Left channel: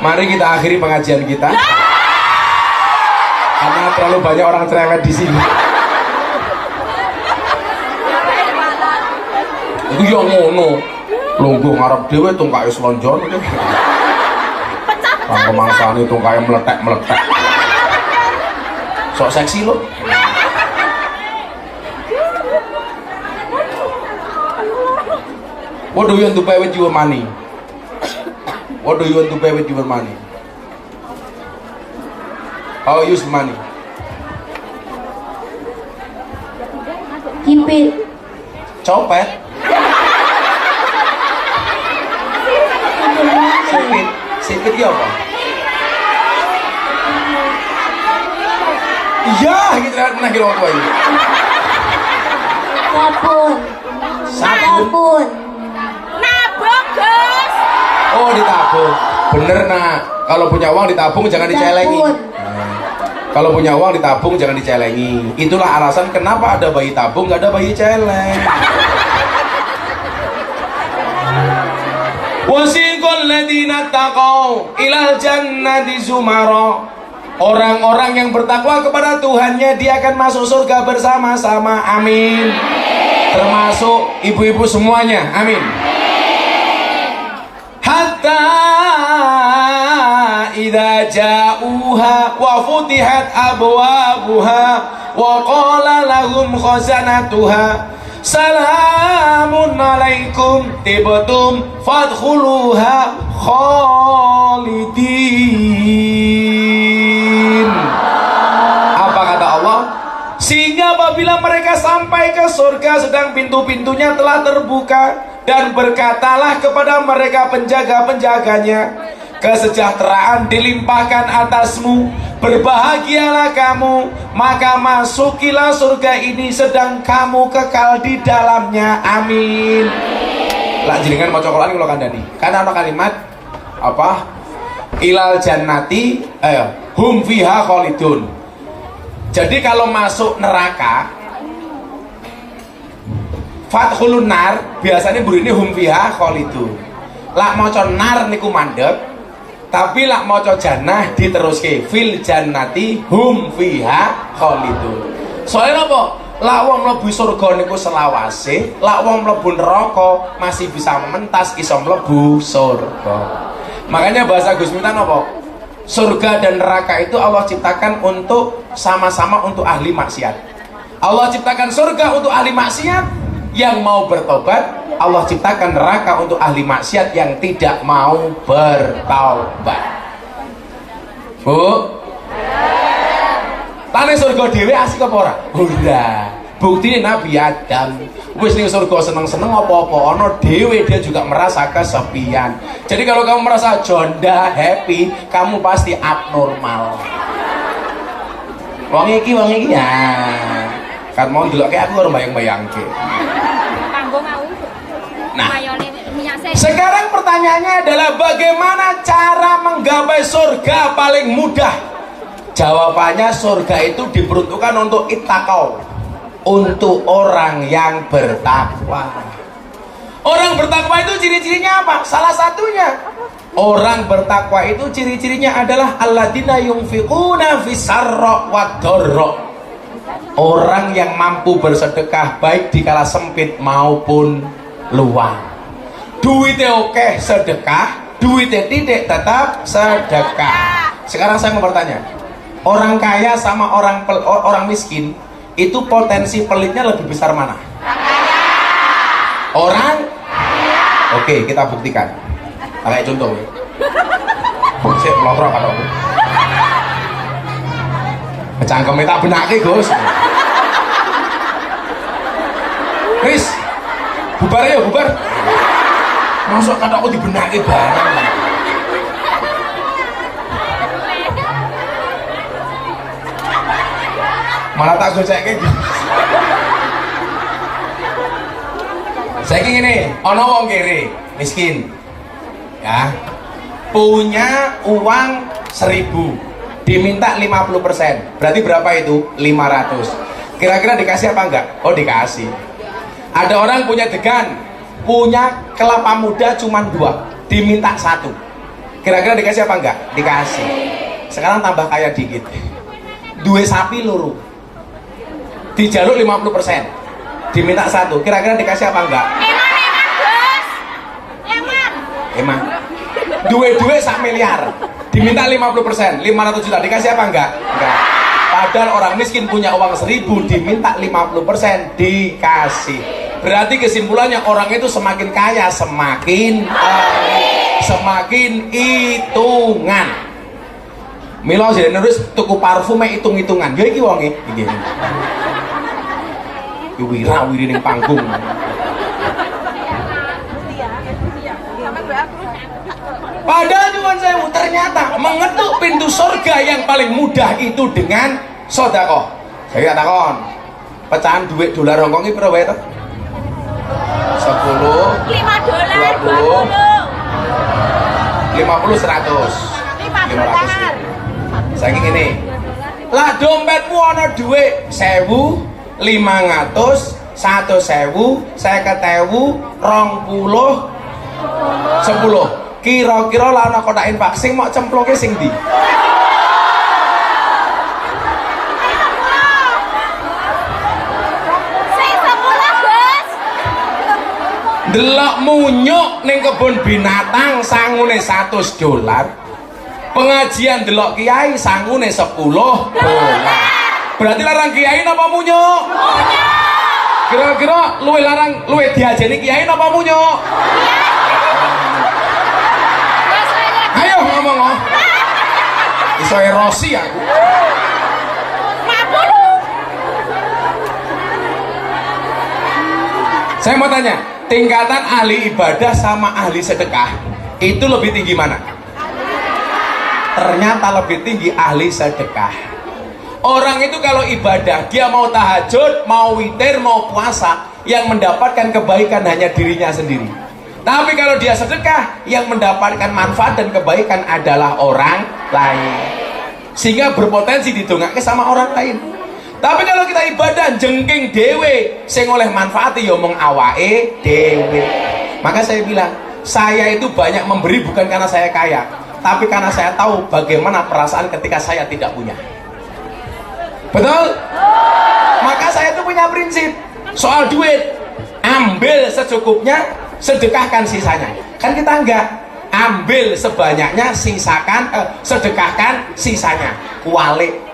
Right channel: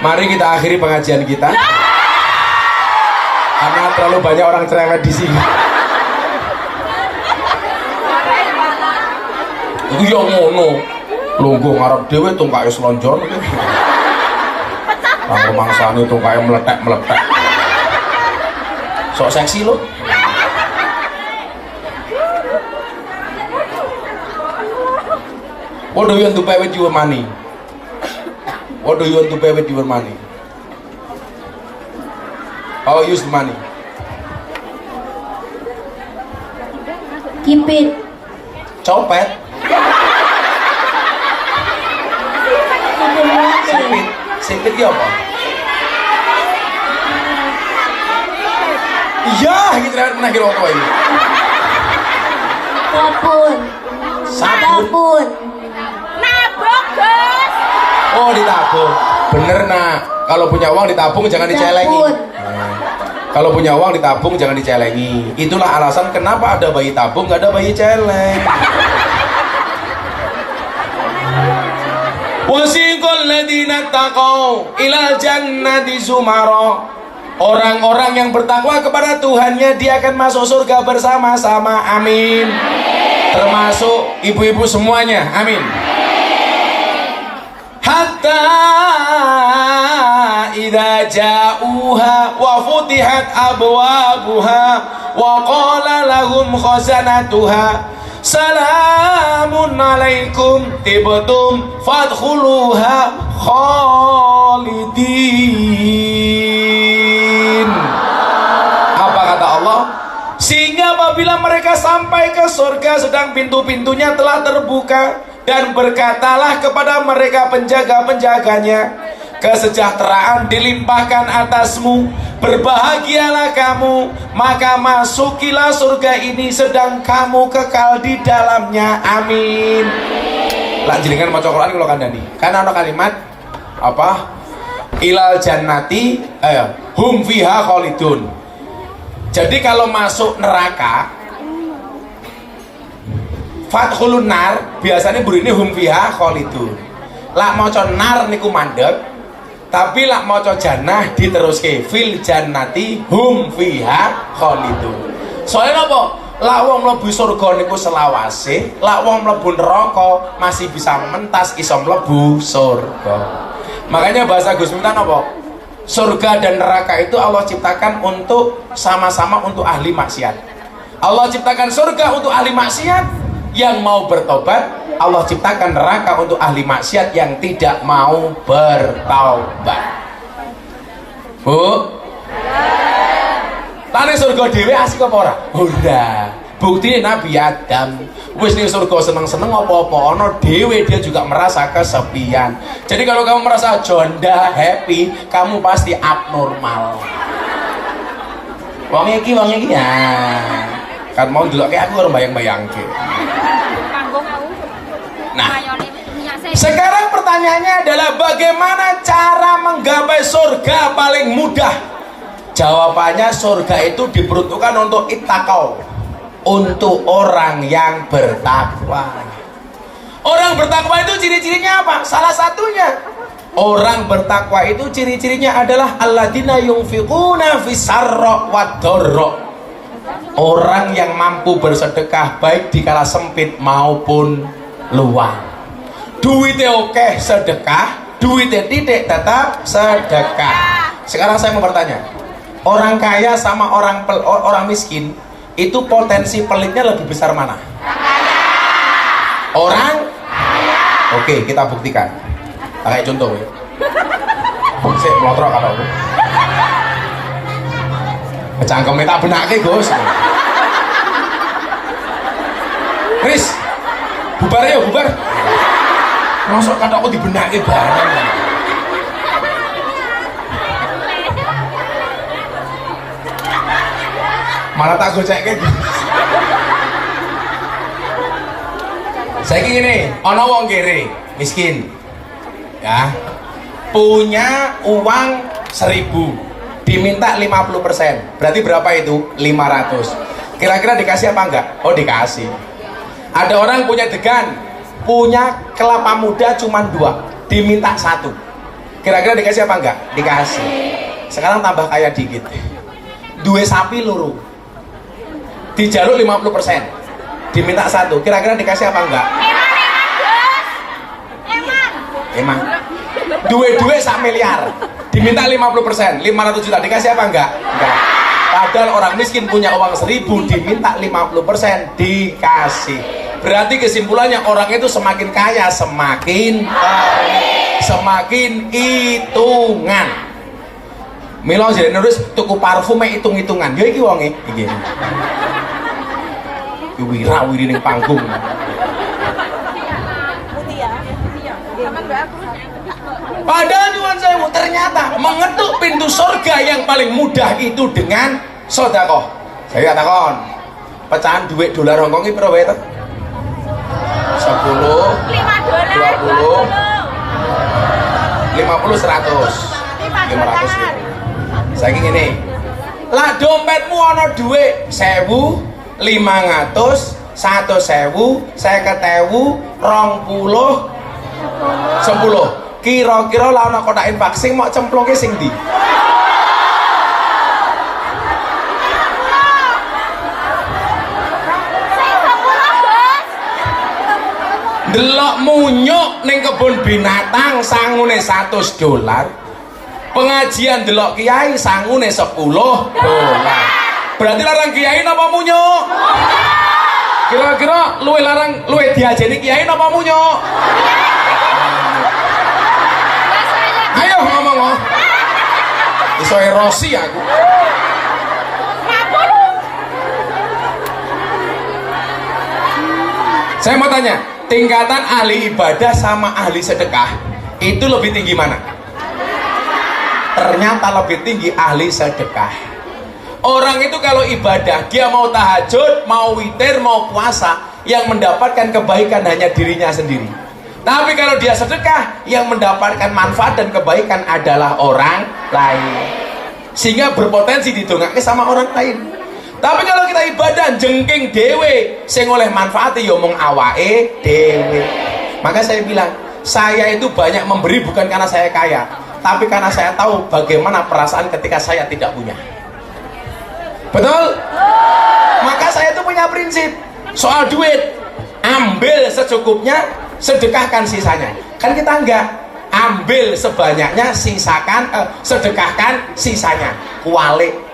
Mari kita akhiri pengajian kita. Karena terlalu banyak orang cerewet di sini. Iku yo ngono. Lungguh ngarep dhewe tungkae slonjon iki. Kang kemangsane tungkae meletek-meletek. Sok seksi lo. What do you want to pay with your money? What do you want to pay with your money? How you use the money? Keep it. Copet. Sipit. Sipit ya apa? Iya, gitu kan pernah kira apa ini? Sabun. Sabun. Nabung, Gus. Oh, ditabung. Bener, Nak. Kalau punya uang ditabung jangan dicelengi. Nah, kalau punya uang ditabung jangan dicelengi. Itulah alasan kenapa ada bayi tabung, nggak ada bayi celeng. Wasiqal ladzina taqaw ilal jannati zumara. Orang-orang yang bertakwa kepada Tuhannya dia akan masuk surga bersama-sama. Amin. Termasuk ibu-ibu semuanya. Amin. Hatta idza ja'uha wa futihat abwabuha wa qala lahum khazanatuha salamun alaikum tibtum fadkhuluha khalidin. Apa kata Allah? Sehingga apabila mereka sampai ke surga sedang pintu-pintunya telah terbuka, dan berkatalah kepada mereka penjaga-penjaganya, kesejahteraan dilimpahkan atasmu, berbahagialah kamu, maka masukilah surga ini sedang kamu kekal di dalamnya. Amin. Lah jenengan maca Quran kula kandhani. Kan ana kalimat apa? Ilal jannati hum fiha khalidun. Jadi kalau masuk neraka fathulun nar biasanya burine hum fiha khalidun. Lak maca nar niku mandeg, tapi lak maca jannah diteruske fil jannati hum fiha khalidun. Soalnya apa? Lak wong mlebu surga niku selawase, lak wong mlebu neraka masih bisa mentas iso mlebu surga. Makanya bahasa Gus Miftah apa? Surga dan neraka itu Allah ciptakan untuk sama-sama untuk ahli maksiat. Allah ciptakan surga untuk ahli maksiat yang mau bertobat, Allah ciptakan neraka untuk ahli maksiat yang tidak mau bertobat. Bu, tane surga dhewe asik apa ora? Udah. Bukti Nabi Adam wis ning surga seneng-seneng apa-apa ana dhewe dia juga merasa kesepian. Jadi kalau kamu merasa jonda happy, kamu pasti abnormal. Wong iki ya. Kan mau ndelokke aku ora bayang-bayangke. Nah, sekarang pertanyaannya adalah bagaimana cara menggapai surga paling mudah? Jawabannya surga itu diperuntukkan untuk ittaqau, untuk orang yang bertakwa. Orang bertakwa itu ciri-cirinya apa? Salah satunya, orang bertakwa itu ciri-cirinya adalah alladzina yunfiquna fis-sarra wad-dharra. Orang yang mampu bersedekah baik di kala sempit maupun luang. Duitnya oke sedekah, duitnya tidak tetap sedekah. Sekarang saya mau bertanya, orang kaya sama orang miskin itu potensi pelitnya lebih besar mana? Orang kaya. Oke, kita buktikan. Kayak contoh ya. Saya melotrok atau bu? Kecangkemnya tak benake Gus. Chris, bubar ya bubar. Masuk kata aku dibenake barang. Malah tak socek gitu. Saya gini, ono wong kere miskin, ya, punya uang 1000, diminta 50%, berarti berapa itu? 500. Kira-kira dikasih apa enggak? Oh dikasih. Ada orang punya degan, punya kelapa muda cuma 2, diminta 1. Kira-kira dikasih apa enggak? Dikasih. Sekarang tambah kaya dikit. Dua sapi loro. Dijaluk 50%. Diminta satu. Kira-kira dikasih apa enggak? Emang. Dua sak miliar. Diminta 50%, 500 juta. Dikasih apa enggak? Enggak. Padahal orang miskin punya uang 1000, diminta 50%, dikasih. Berarti kesimpulannya orang itu semakin kaya, semakin hitungan. Milo jadi nulis tuku parfum hitung-hitungan. Ya iki wonge iki. Iki wira-wiri ning panggung. Padahal nyuwun sewu, ternyata mengetuk pintu surga yang paling mudah itu dengan sedekah. Saya takon, pecahan duit dolar Hongkong iki pira wae to? 10, 20, 50, 100, 500 ribu. Saiki ngene. Lah dompetmu ana duit 1000, 500, 100.000, 50.000, 20, 10. Kira-kira lah ana kotakin vaksin mau cemploke sing ndi? Delok munyuk ning kebun binatang sangune $100. Pengajian delok kiai sangune $10. Berarti larang kiai napa munyuk? Kira-kira luwe diajeni kiai napa munyuk? Ayo ngomong loh. Iso erosi aku. Saya mau tanya, tingkatan ahli ibadah sama ahli sedekah itu lebih tinggi mana? Ternyata lebih tinggi ahli sedekah. Orang itu kalau ibadah, dia mau tahajud, mau witir, mau puasa, yang mendapatkan kebaikan hanya dirinya sendiri. Tapi kalau dia sedekah, yang mendapatkan manfaat dan kebaikan adalah orang lain. Sehingga berpotensi didongake sama orang lain. Tapi kalau kita ibadah jengking dewe, sing oleh manfaatnya ya omong awake dewe. Maka saya bilang, saya itu banyak memberi bukan karena saya kaya, tapi karena saya tahu bagaimana perasaan ketika saya tidak punya. Betul? Maka saya itu punya prinsip soal duit, ambil secukupnya, sedekahkan sisanya. Kan kita enggak, ambil sebanyaknya, sisakan, sedekahkan sisanya. Kualik.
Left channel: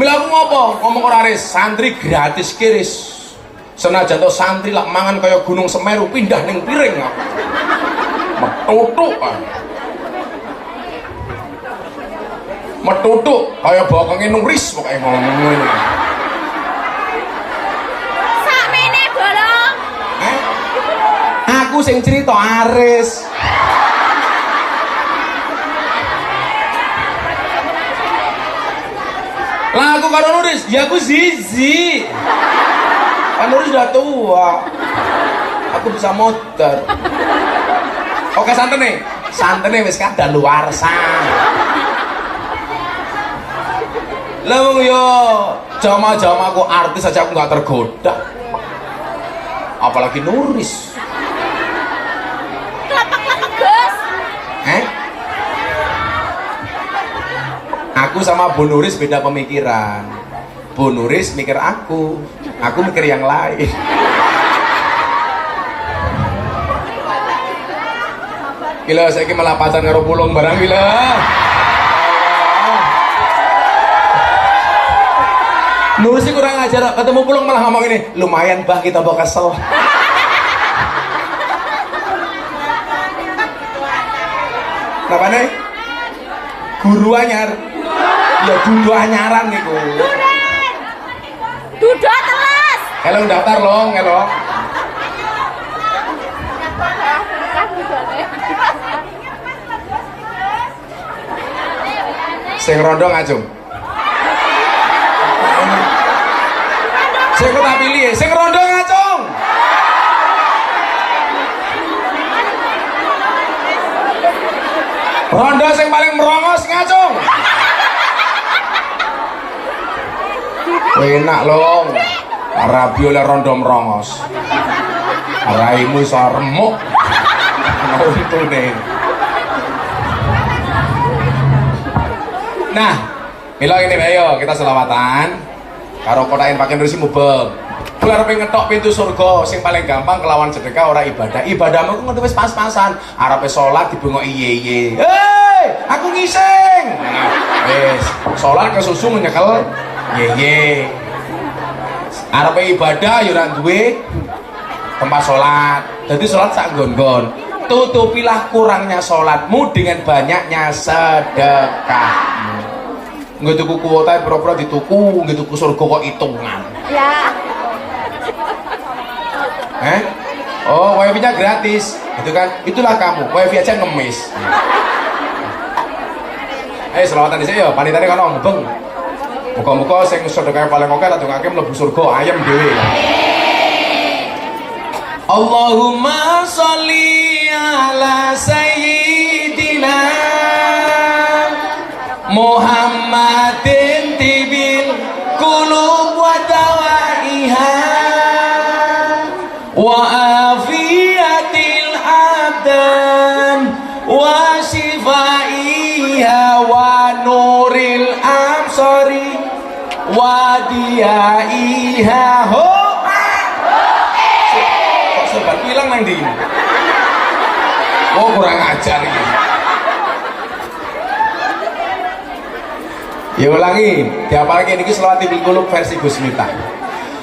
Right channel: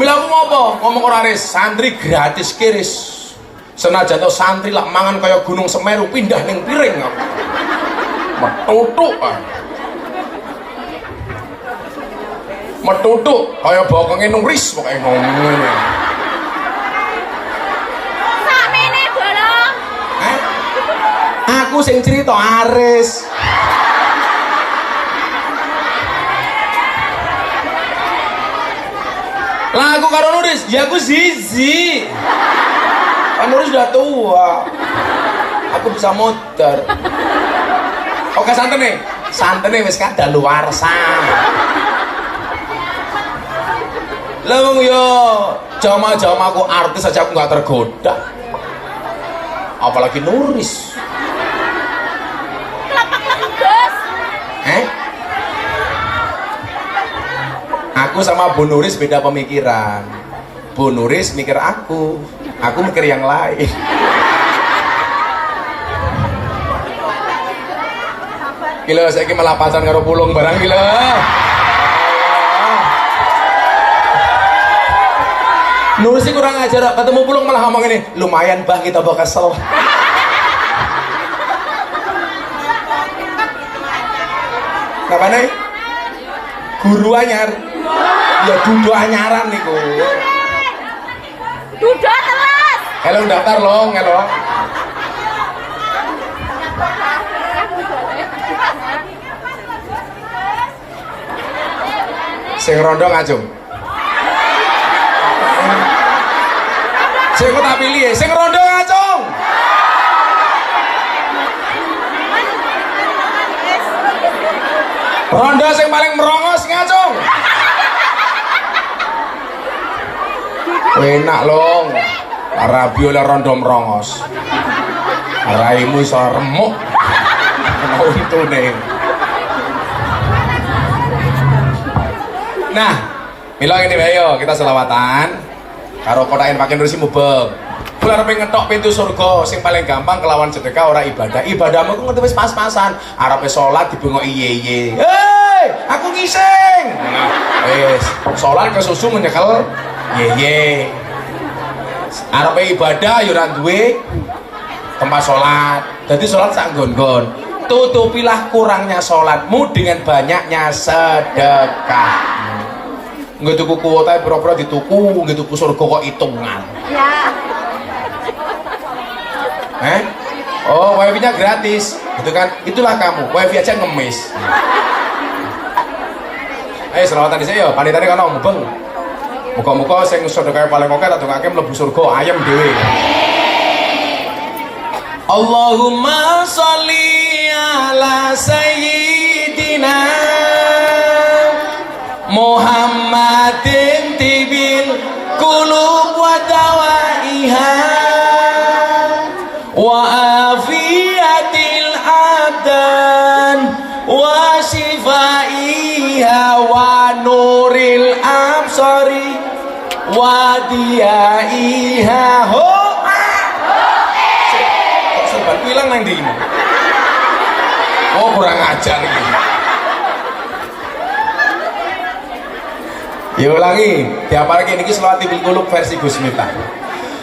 Mila aku ngomong ora res, santri gratis kiris. Senajan to santri lak mangan kaya Gunung Semeru pindah ning piring aku. Metutuk kaya bokonge nuris pokoke ngomong ngene. Sakmene bolong. Aku sing cerita Aris. Lah aku karo Nuris, ya aku Zizi. Kan Nuris udah tua. Aku bisa motor. Oke santene. Santene wis kadaluwarsa. Lah yo jama-jamaku artis aja aku gak tergoda. Apalagi Nuris. Klepek-klepek, Bos. Aku sama Bu Nuris beda pemikiran. Bu Nuris mikir aku mikir yang lain. Gila, saya malah pacaran karo pulung barang gila. Nuris sih kurang ajar, ketemu pulung malah ngomong ini, lumayan bah kita bawa kesel. Kenapa nih? Guru anyar. Ya dudu anyaran niku. Duda telas. Halo daftar long, halo. Sing rondo ngajung. Sing tak pilih, sing rondo ngajung. Rondo sing paling merongos ngajung. Enak long. Rabi oleh rondo merongos. Raimu iso remuk. untune. Nah, mila ngene wae yo, kita selawatan karo kotakin pakai bersih mubeng. Kula arep ngetok pintu surga sing paling gampang kelawan sedekah ora ibadah. Ibadahmu ku ngerti wis pas-pasan. Arepe salat dibengok iye-iye. Hei, aku ngising. Nah, wis salat kesusu nyekel iye-iye. Arepe ibadah ya ora duwe tempat salat. Jadi salat sak nggon-nggon. Tutupilah kurangnya salatmu dengan banyaknya sedekah. Nggak tuku kuota pura-pura dituku, nggak tuku surga kok hitungan. Oh, wifi-nya gratis, gitu kan? Itulah kamu, wifi aja ngemis. Selawatan dhisik ya, panitane kono mubeng. Muga-muga sing sedekah paling oke tak dongake mlebu surga ayem dhewe. Allahumma sholli ala sayyidina Muhammadin tibil qulub wa dawaiha wa afiyatil abdan wa shifaiha wa nuril absari wa diyaiha. Kok sempat bilang nanti ini? Oh, kurang ajar ini. Ya ulangi, diapalke niki selawat bil qulub versi Gus Miftah.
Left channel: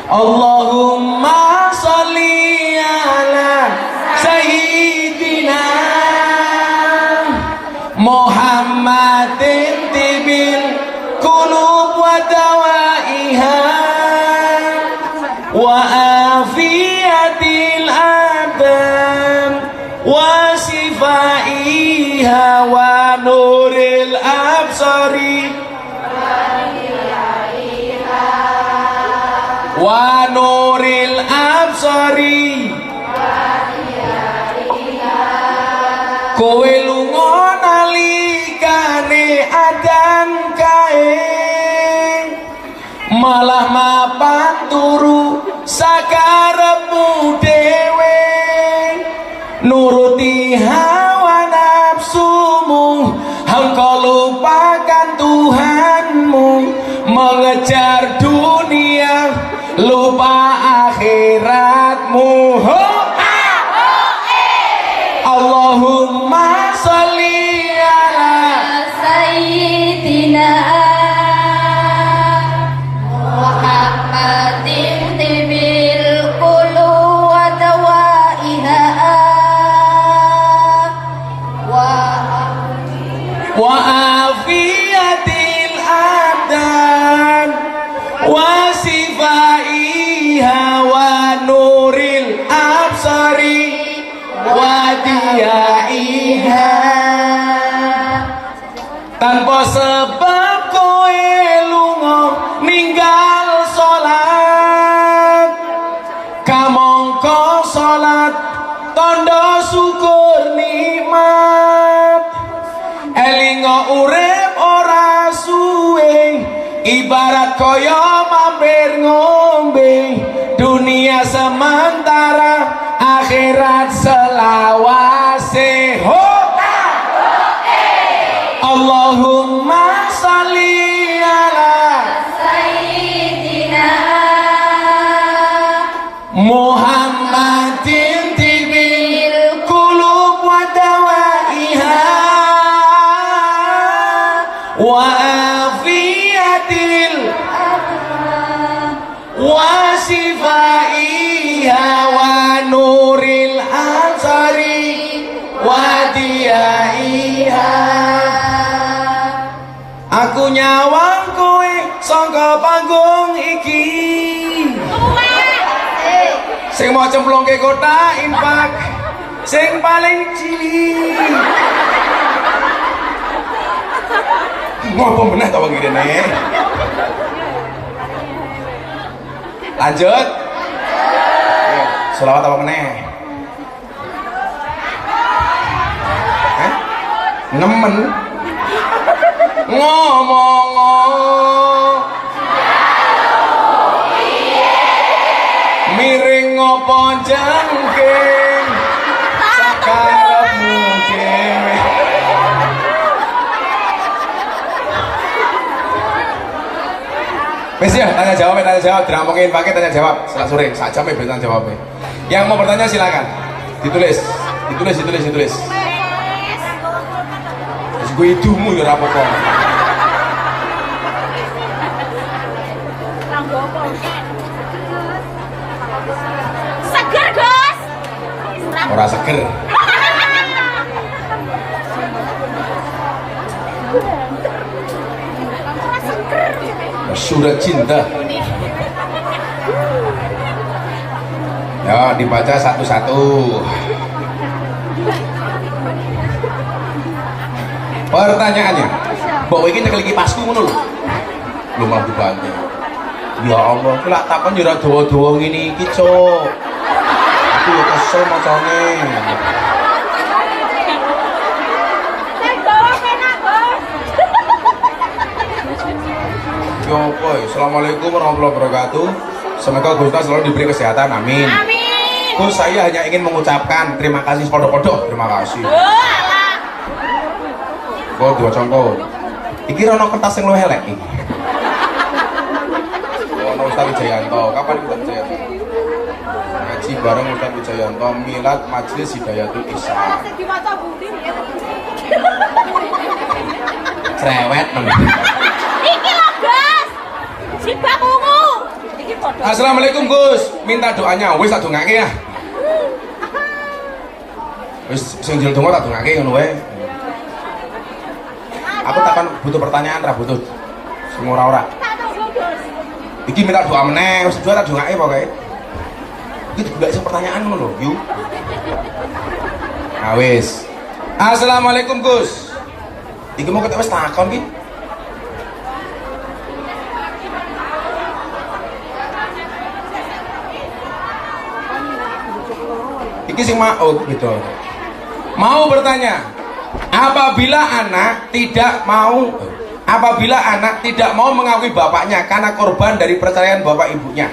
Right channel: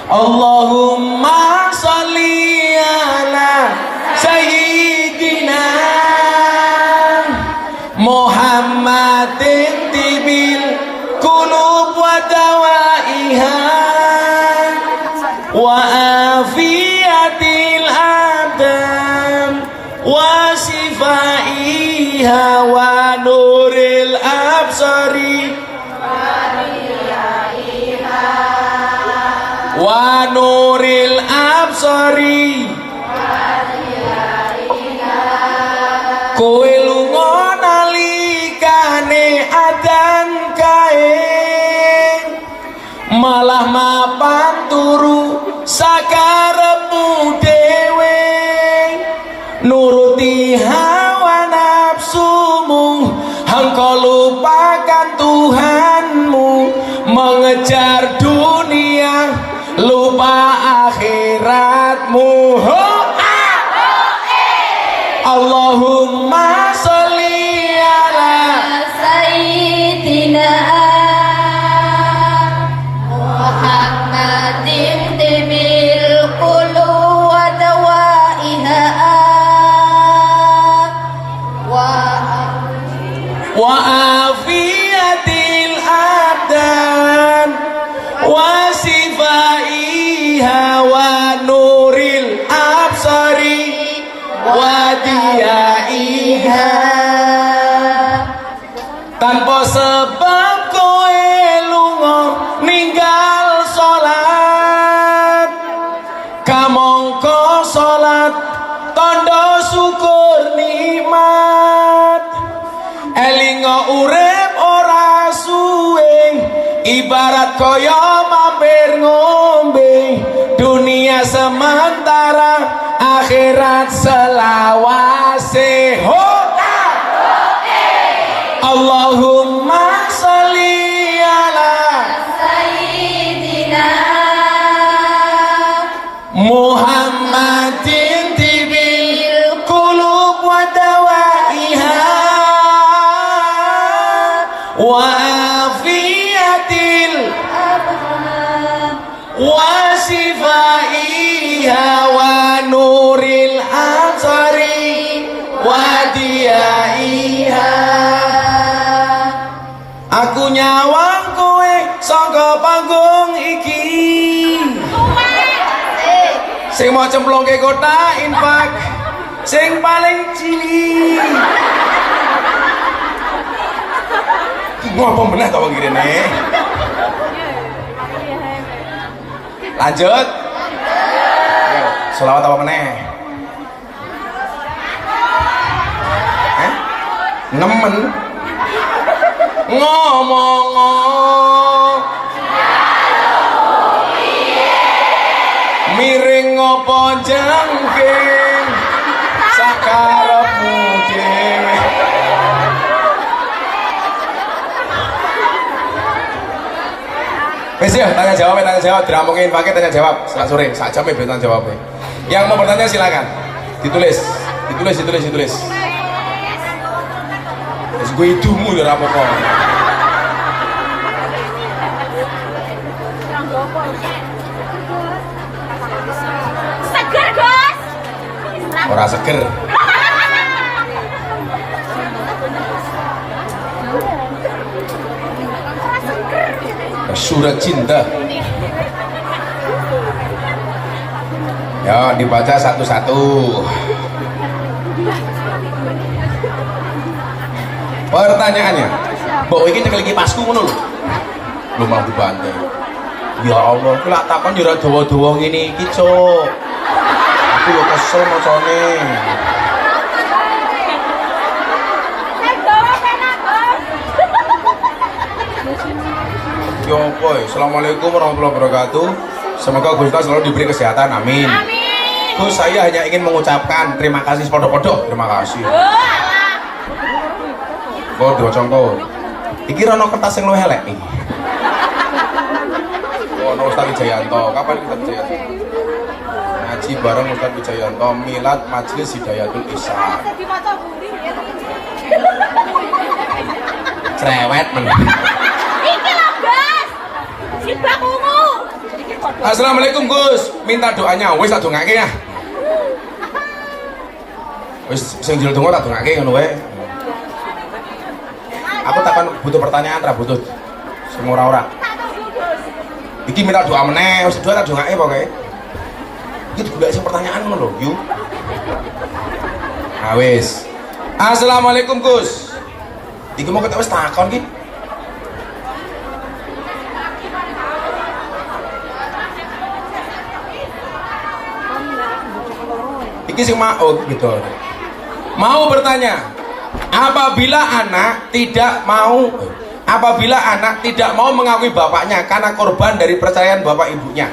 Allahumma sholli ala sayyidina Muhammadin tibil qulub wa dawaiha wa afiyatil abdan wa shifaiha wa nuril absari wa nuril absari. Kowe lunga nalikane adan kae malah mapan turu sakarepmu dhewe nuruti hawa nafsumu engkau lupakan Tuhanmu mengejar dunia lupa akhiratmu. Allahumma sholli ala sayyidina Muhammadin tibil qulub wa dawaiha wa afiyatil abdan wa sifaiha wa nuril absari wa diyaiha. Tanpa sebab kowe lunga ninggal salat kamangka salat tandha syukur nikmat elinga urip ora suwe ibarat kaya mampir ngombe dunia sementara akhirat selawase. Allahumma sholli ala sayyidina Muhammadin tibil qulub wa dawaiha wa afiyatil wa sifaiha wa nuril absari wa diyaiha. Aku nyawang kowe sangka panggung iki sing mau cemplungke kota infak sing paling cilik. Ngopo meneh ta wong ngene. Lanjut. Selawat apa meneh? Nemen. Ngomong miring ngopo jangking sakarep tanya jawab, diramongin pakai tanya jawab. Setelah sore, saat jam tanya jawabnya. Yang mau bertanya silakan. Ditulis. Terus gue hidungmu ya apa-apa. Seger, Gus. Ora seger. Surat cinta. Ya, dibaca satu-satu. Pertanyaannya, mbok iki nyekel kipasku ngono lho. Lu malah dibantu. Ya Allah, aku lak takon yo ora dawa-dawa ngene iki, Cuk. Aku yo kesel macane. Yo, boy. Assalamualaikum warahmatullahi wabarakatuh. Semoga Gus selalu diberi kesehatan, amin. Gus, saya hanya ingin mengucapkan terima kasih sepodok-podok. Terima kasih. Gue dua contoh. Iki rono kertas yang lo helek nih. Ono Ustaz Wijayanto. Kapan kita Wijayanto? Ngaji bareng Ustaz Wijayanto. Milad Majelis Hidayatul Ihsan. Cerewet nih. Iki lho, Gus. Si bakumu. Assalamualaikum Gus. Minta doanya. Wis tak dongake ya. Wis sing jero donga tak dongake ngono wae. Aku takkan butuh pertanyaan ra butuh. Semua ora. Iki minta doa meneh, wis doa tak dongake pokoke. Iki juga sing pertanyaan ngono lho, yuk. Nah wis. Assalamualaikum Gus. Iki mau kita wis takon iki. Iki sing mau gitu. Mau bertanya, apabila anak tidak mau mengakui bapaknya karena korban dari perceraian bapak ibunya,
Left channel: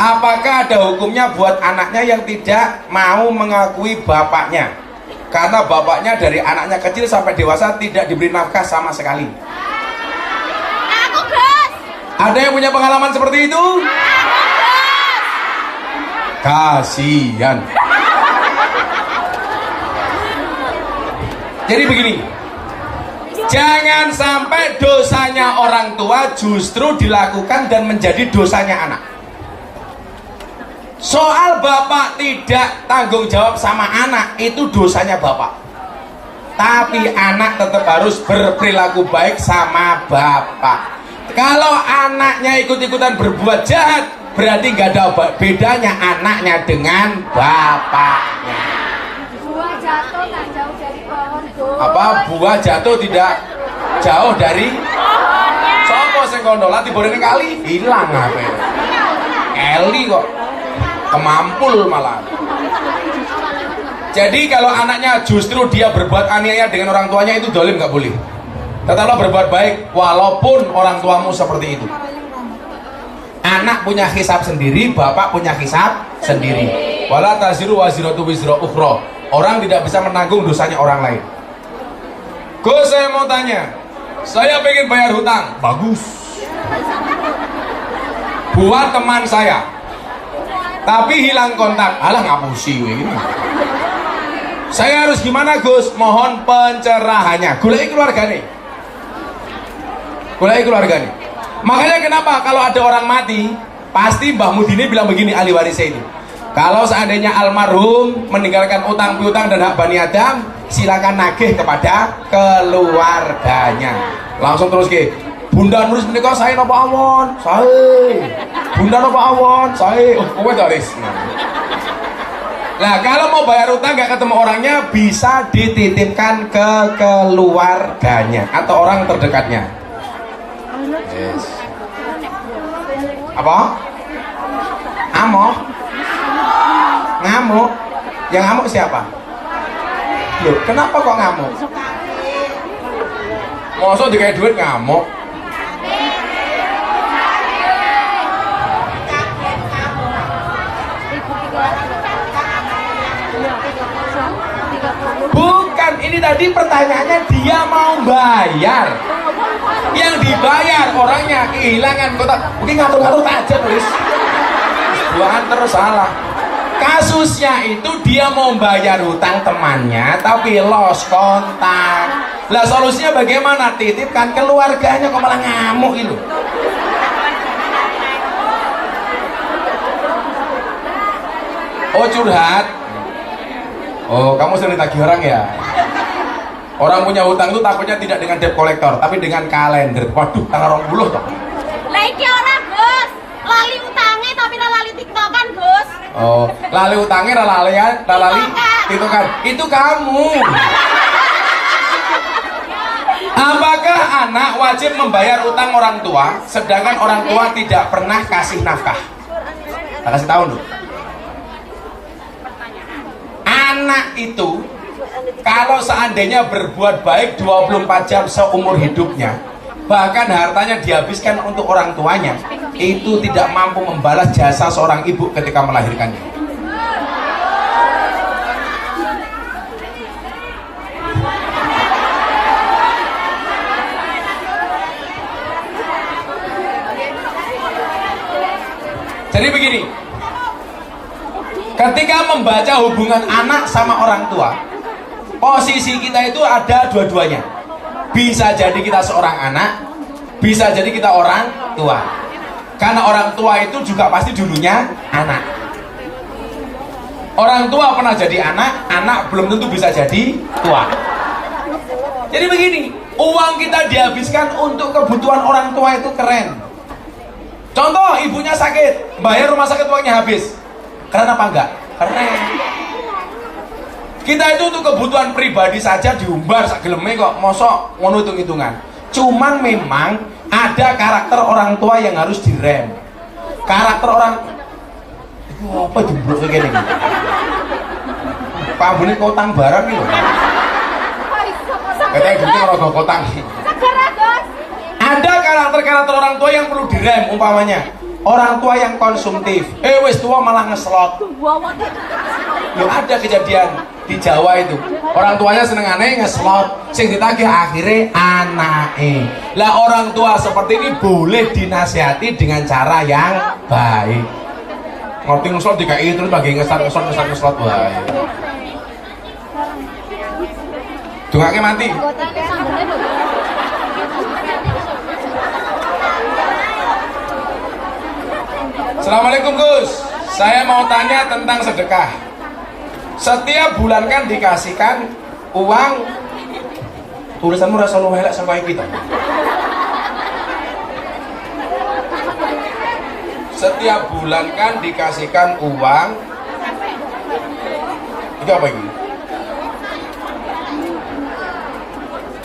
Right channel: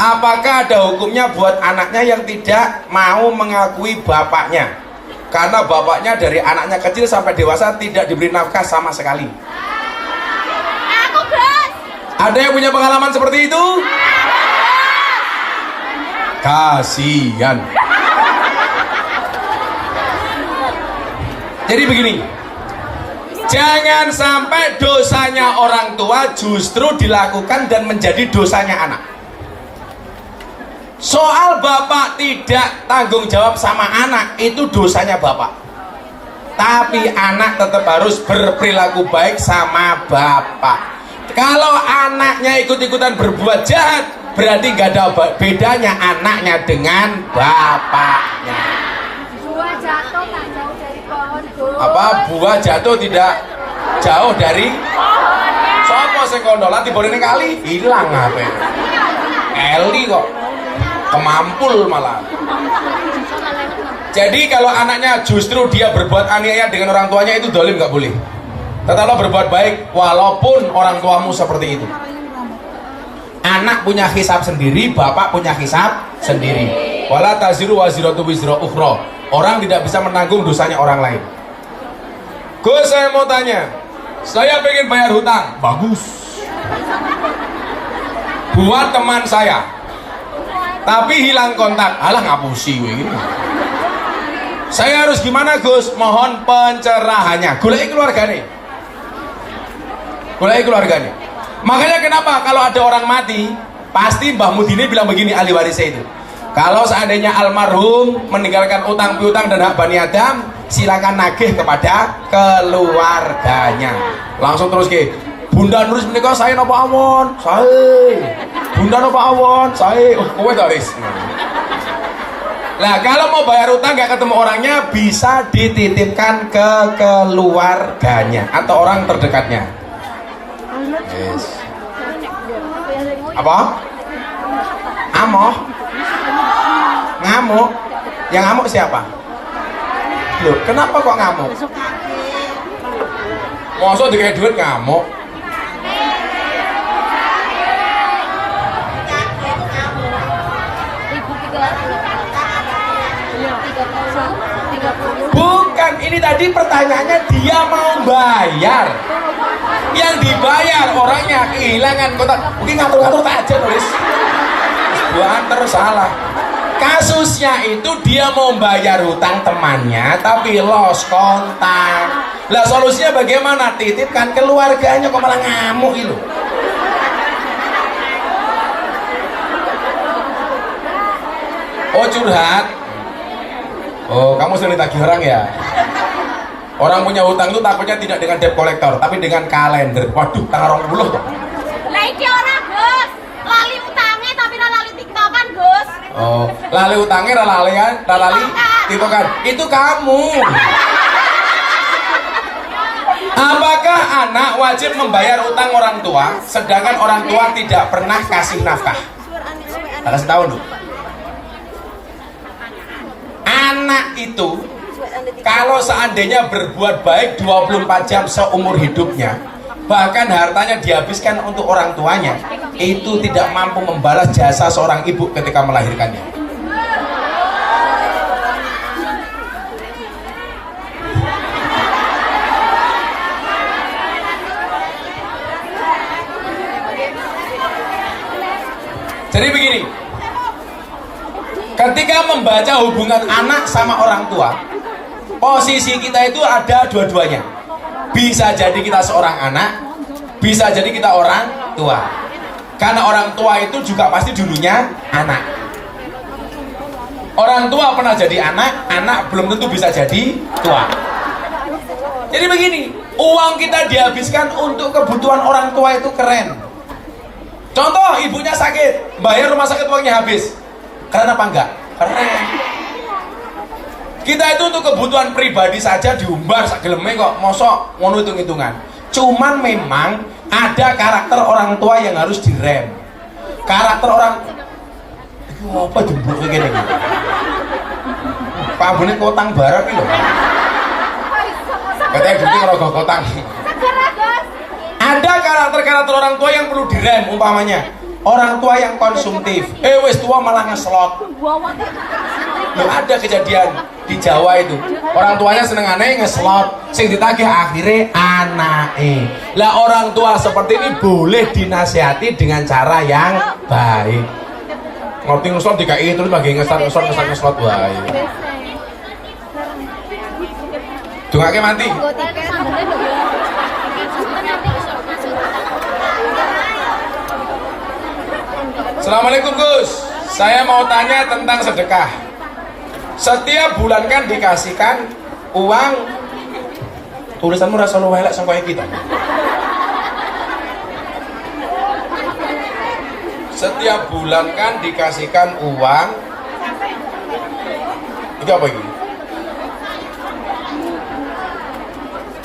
apakah ada hukumnya buat anaknya yang tidak mau mengakui bapaknya karena bapaknya dari anaknya kecil sampai dewasa tidak diberi nafkah sama sekali? Aku, Gus. Ada yang punya pengalaman seperti itu? Kasihan. Jadi begini, jangan sampai dosanya orang tua justru dilakukan dan menjadi dosanya anak. Soal bapak tidak tanggung jawab sama anak, itu dosanya bapak. Tapi anak tetap harus berperilaku baik sama bapak. Kalau anaknya ikut-ikutan berbuat jahat, berarti gak ada bedanya anaknya dengan bapaknya. Buah jatuh tak jauh dari pohon, Gus. Apa buah jatuh tidak jauh dari Pohonnya. sopo sing kondo lati borene kali hilang apa Eli kok kemampul malah. Jadi kalau anaknya justru dia berbuat aniaya dengan orang tuanya, itu dolim, nggak boleh. Tetaplah berbuat baik walaupun orang tuamu seperti itu. Anak punya hisab sendiri, bapak punya hisab sendiri. Wala taziru waziratu wizra ukhra. Orang tidak bisa menanggung dosanya orang lain. Gus, saya mau tanya, saya pengen bayar hutang. Bagus. Buat teman saya, tapi hilang kontak. Alah ngapusi ini. Saya harus gimana Gus? Mohon pencerahannya. Goleki keluarganya. Makanya kenapa kalau ada orang mati, pasti Mbah Mudine bilang begini, ahli warisnya itu. Kalau seandainya almarhum meninggalkan utang piutang dan hak Bani Adam, silakan nagih kepada keluarganya. Langsung terus ke Bunda Nuris menikah saya napa awon? Saya. Bunda napa awon? Saya. Oh, kowe ta wis. Nah, kalau mau bayar utang gak ketemu orangnya, bisa dititipkan ke keluarganya atau orang terdekatnya. Yes. Apa? Amoh? Ngamuk? Yang ngamuk siapa? Loh, kenapa kok ngamuk? Masa dikasih duit ngamuk? Bukan, ini tadi pertanyaannya dia mau bayar. Yang dibayar orangnya kehilangan kotak. Mungkin ngatur-ngatur aja nulis. Bukan terus salah. Kasusnya itu dia mau bayar hutang temannya tapi lost kontak. Lah solusinya bagaimana? Titipkan keluarganya, kok malah ngamuk itu. Oh curhat. Oh kamu sering ditagih orang ya? Orang punya hutang itu takutnya tidak dengan debt collector tapi dengan kalender. Waduh, tanggal 20 kok. Lah iki ora, Gus. Lali utange tapi ora lali tiktokan, Gus. Oh, lali utangnya lali itu kan. Itu kamu. Apakah anak wajib membayar utang orang tua sedangkan orang tua tidak pernah kasih nafkah? Kasih tahu dulu. Anak itu kalau seandainya berbuat baik 24 jam seumur hidupnya, bahkan hartanya dihabiskan untuk orang tuanya, itu tidak mampu membalas jasa seorang ibu ketika melahirkannya. Jadi begini, ketika membaca hubungan anak sama orang tua, posisi kita itu ada dua-duanya. Bisa jadi kita seorang anak, bisa jadi kita orang tua. Karena orang tua itu juga pasti dulunya anak. Orang tua pernah jadi anak, anak belum tentu bisa jadi tua. Jadi begini, uang kita dihabiskan untuk kebutuhan orang tua itu keren. Contoh, ibunya sakit, bayar rumah sakit uangnya habis. Keren apa enggak? Keren. Kita itu untuk kebutuhan pribadi saja diumbar sak geleme kok, mosok ngono hitung-hitungan. Cuman memang ada karakter orang tua yang harus direm. Karakter orang apa jemblok kayak gini. Pak Buni kotang barang iki lho. Katanya duitnya ngerogoh kotang. Ada karakter-karakter orang tua yang perlu direm, umpamanya orang tua yang konsumtif, wis tua malah ngeslot. Ya ada kejadian di Jawa itu, orang tuanya senengane ngeslot, sing ditagih akhirnya anake. Lah orang tua seperti ini boleh dinasihati dengan cara yang baik. Ngerti ngeslot dikai terus lagi ngeslot baik. Dungake mati. Assalamualaikum Gus, saya mau tanya tentang sedekah. Setiap bulan kan dikasihkan uang. Tulisanmu rasa lu elek sampai kita. Setiap bulan kan dikasihkan uang. Itu apa ini?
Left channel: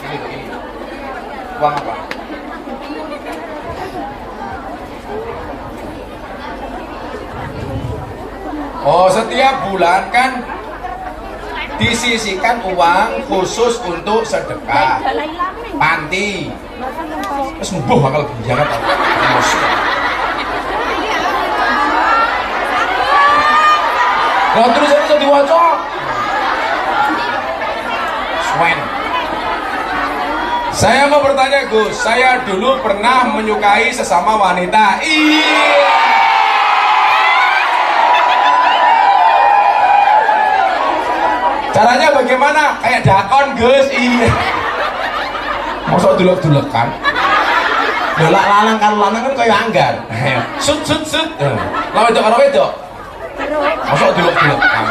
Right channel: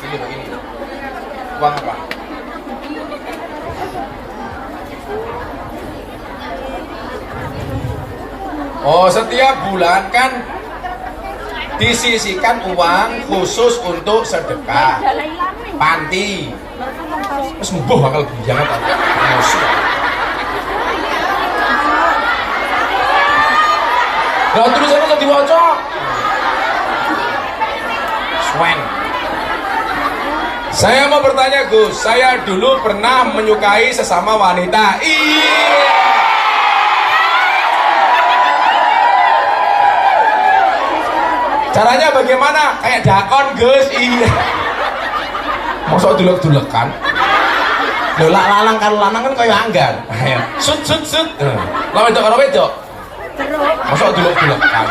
Begini. Uang apa? Oh, setiap bulan kan disisihkan uang khusus untuk sedekah panti. Terus mbuh bakal jangan tahu. Lah tulisannya iso diwaca. Swen. Saya mau bertanya Gus, saya dulu pernah menyukai sesama wanita. Iya. Caranya bagaimana? Kayak dakon Gus. Iya. Mosok dulek-dulekan. Lha lanang karo lanang kan kaya anggar. Sut. Lah wedok. Mosok dulek-dulekan.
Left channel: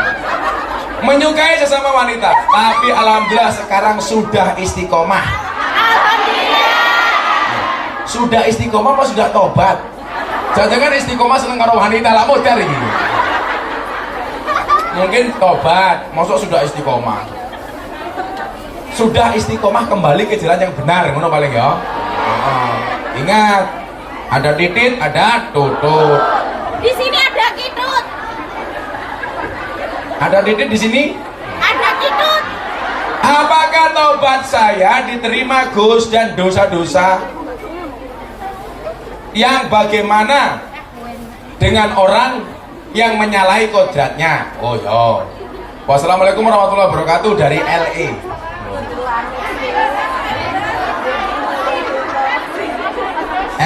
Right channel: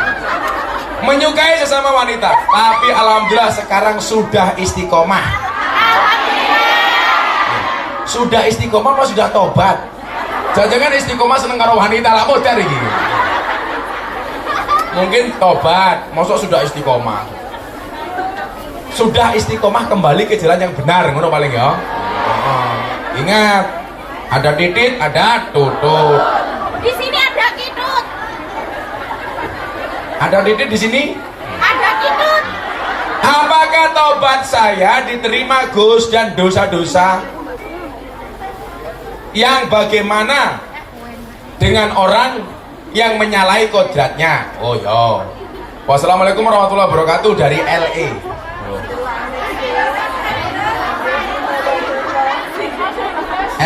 Menyukai sesama wanita, tapi alhamdulillah sekarang sudah istiqomah. Sudah istiqomah apa sudah tobat? Jangan-jangan istiqomah seneng karo wanita lah mau cari gitu. Mungkin tobat, maksud sudah istiqomah. Sudah istiqomah kembali ke jalan yang benar, ngono paling ya. Ingat, ada titit, ada tutut. Di sini ada kitut. Ada titit di sini? Ada kitut. Apakah tobat saya diterima Gus dan dosa-dosa yang bagaimana dengan orang yang menyalahi kodratnya? Oh ya. Wassalamualaikum warahmatullahi wabarakatuh dari LA.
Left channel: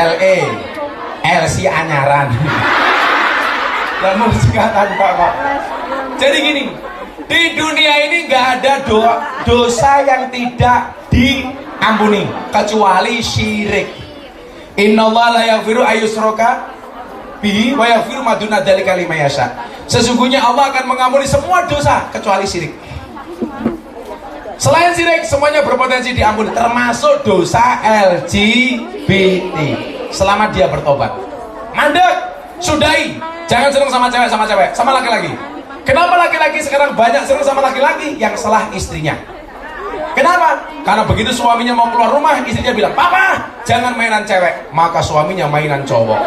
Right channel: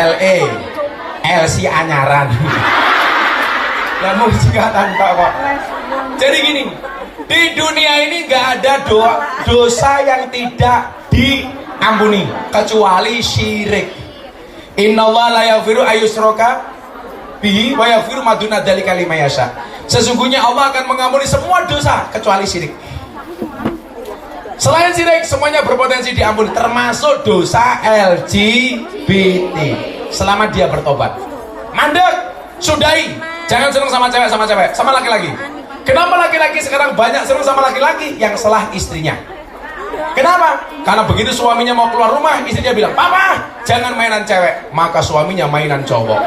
LE LC anyaran. Lah mau singkatan Pak. Jadi gini, di dunia ini nggak ada dosa yang tidak diampuni kecuali syirik. Innallaha la yaghfiru ayyushraka bihi wa yaghfiru ma duna dzalika liman yasha. Sesungguhnya Allah akan mengampuni semua dosa kecuali syirik. Selain syirik semuanya berpotensi diampuni, termasuk dosa LGBT selama dia bertobat. Mandek, sudahi. Jangan senang sama cewek, sama laki-laki. Kenapa laki-laki sekarang banyak senang sama laki-laki? Yang salah istrinya. Kenapa? Karena begitu suaminya mau keluar rumah, istrinya bilang, "Papa, jangan mainan cewek." Maka suaminya mainan cowok.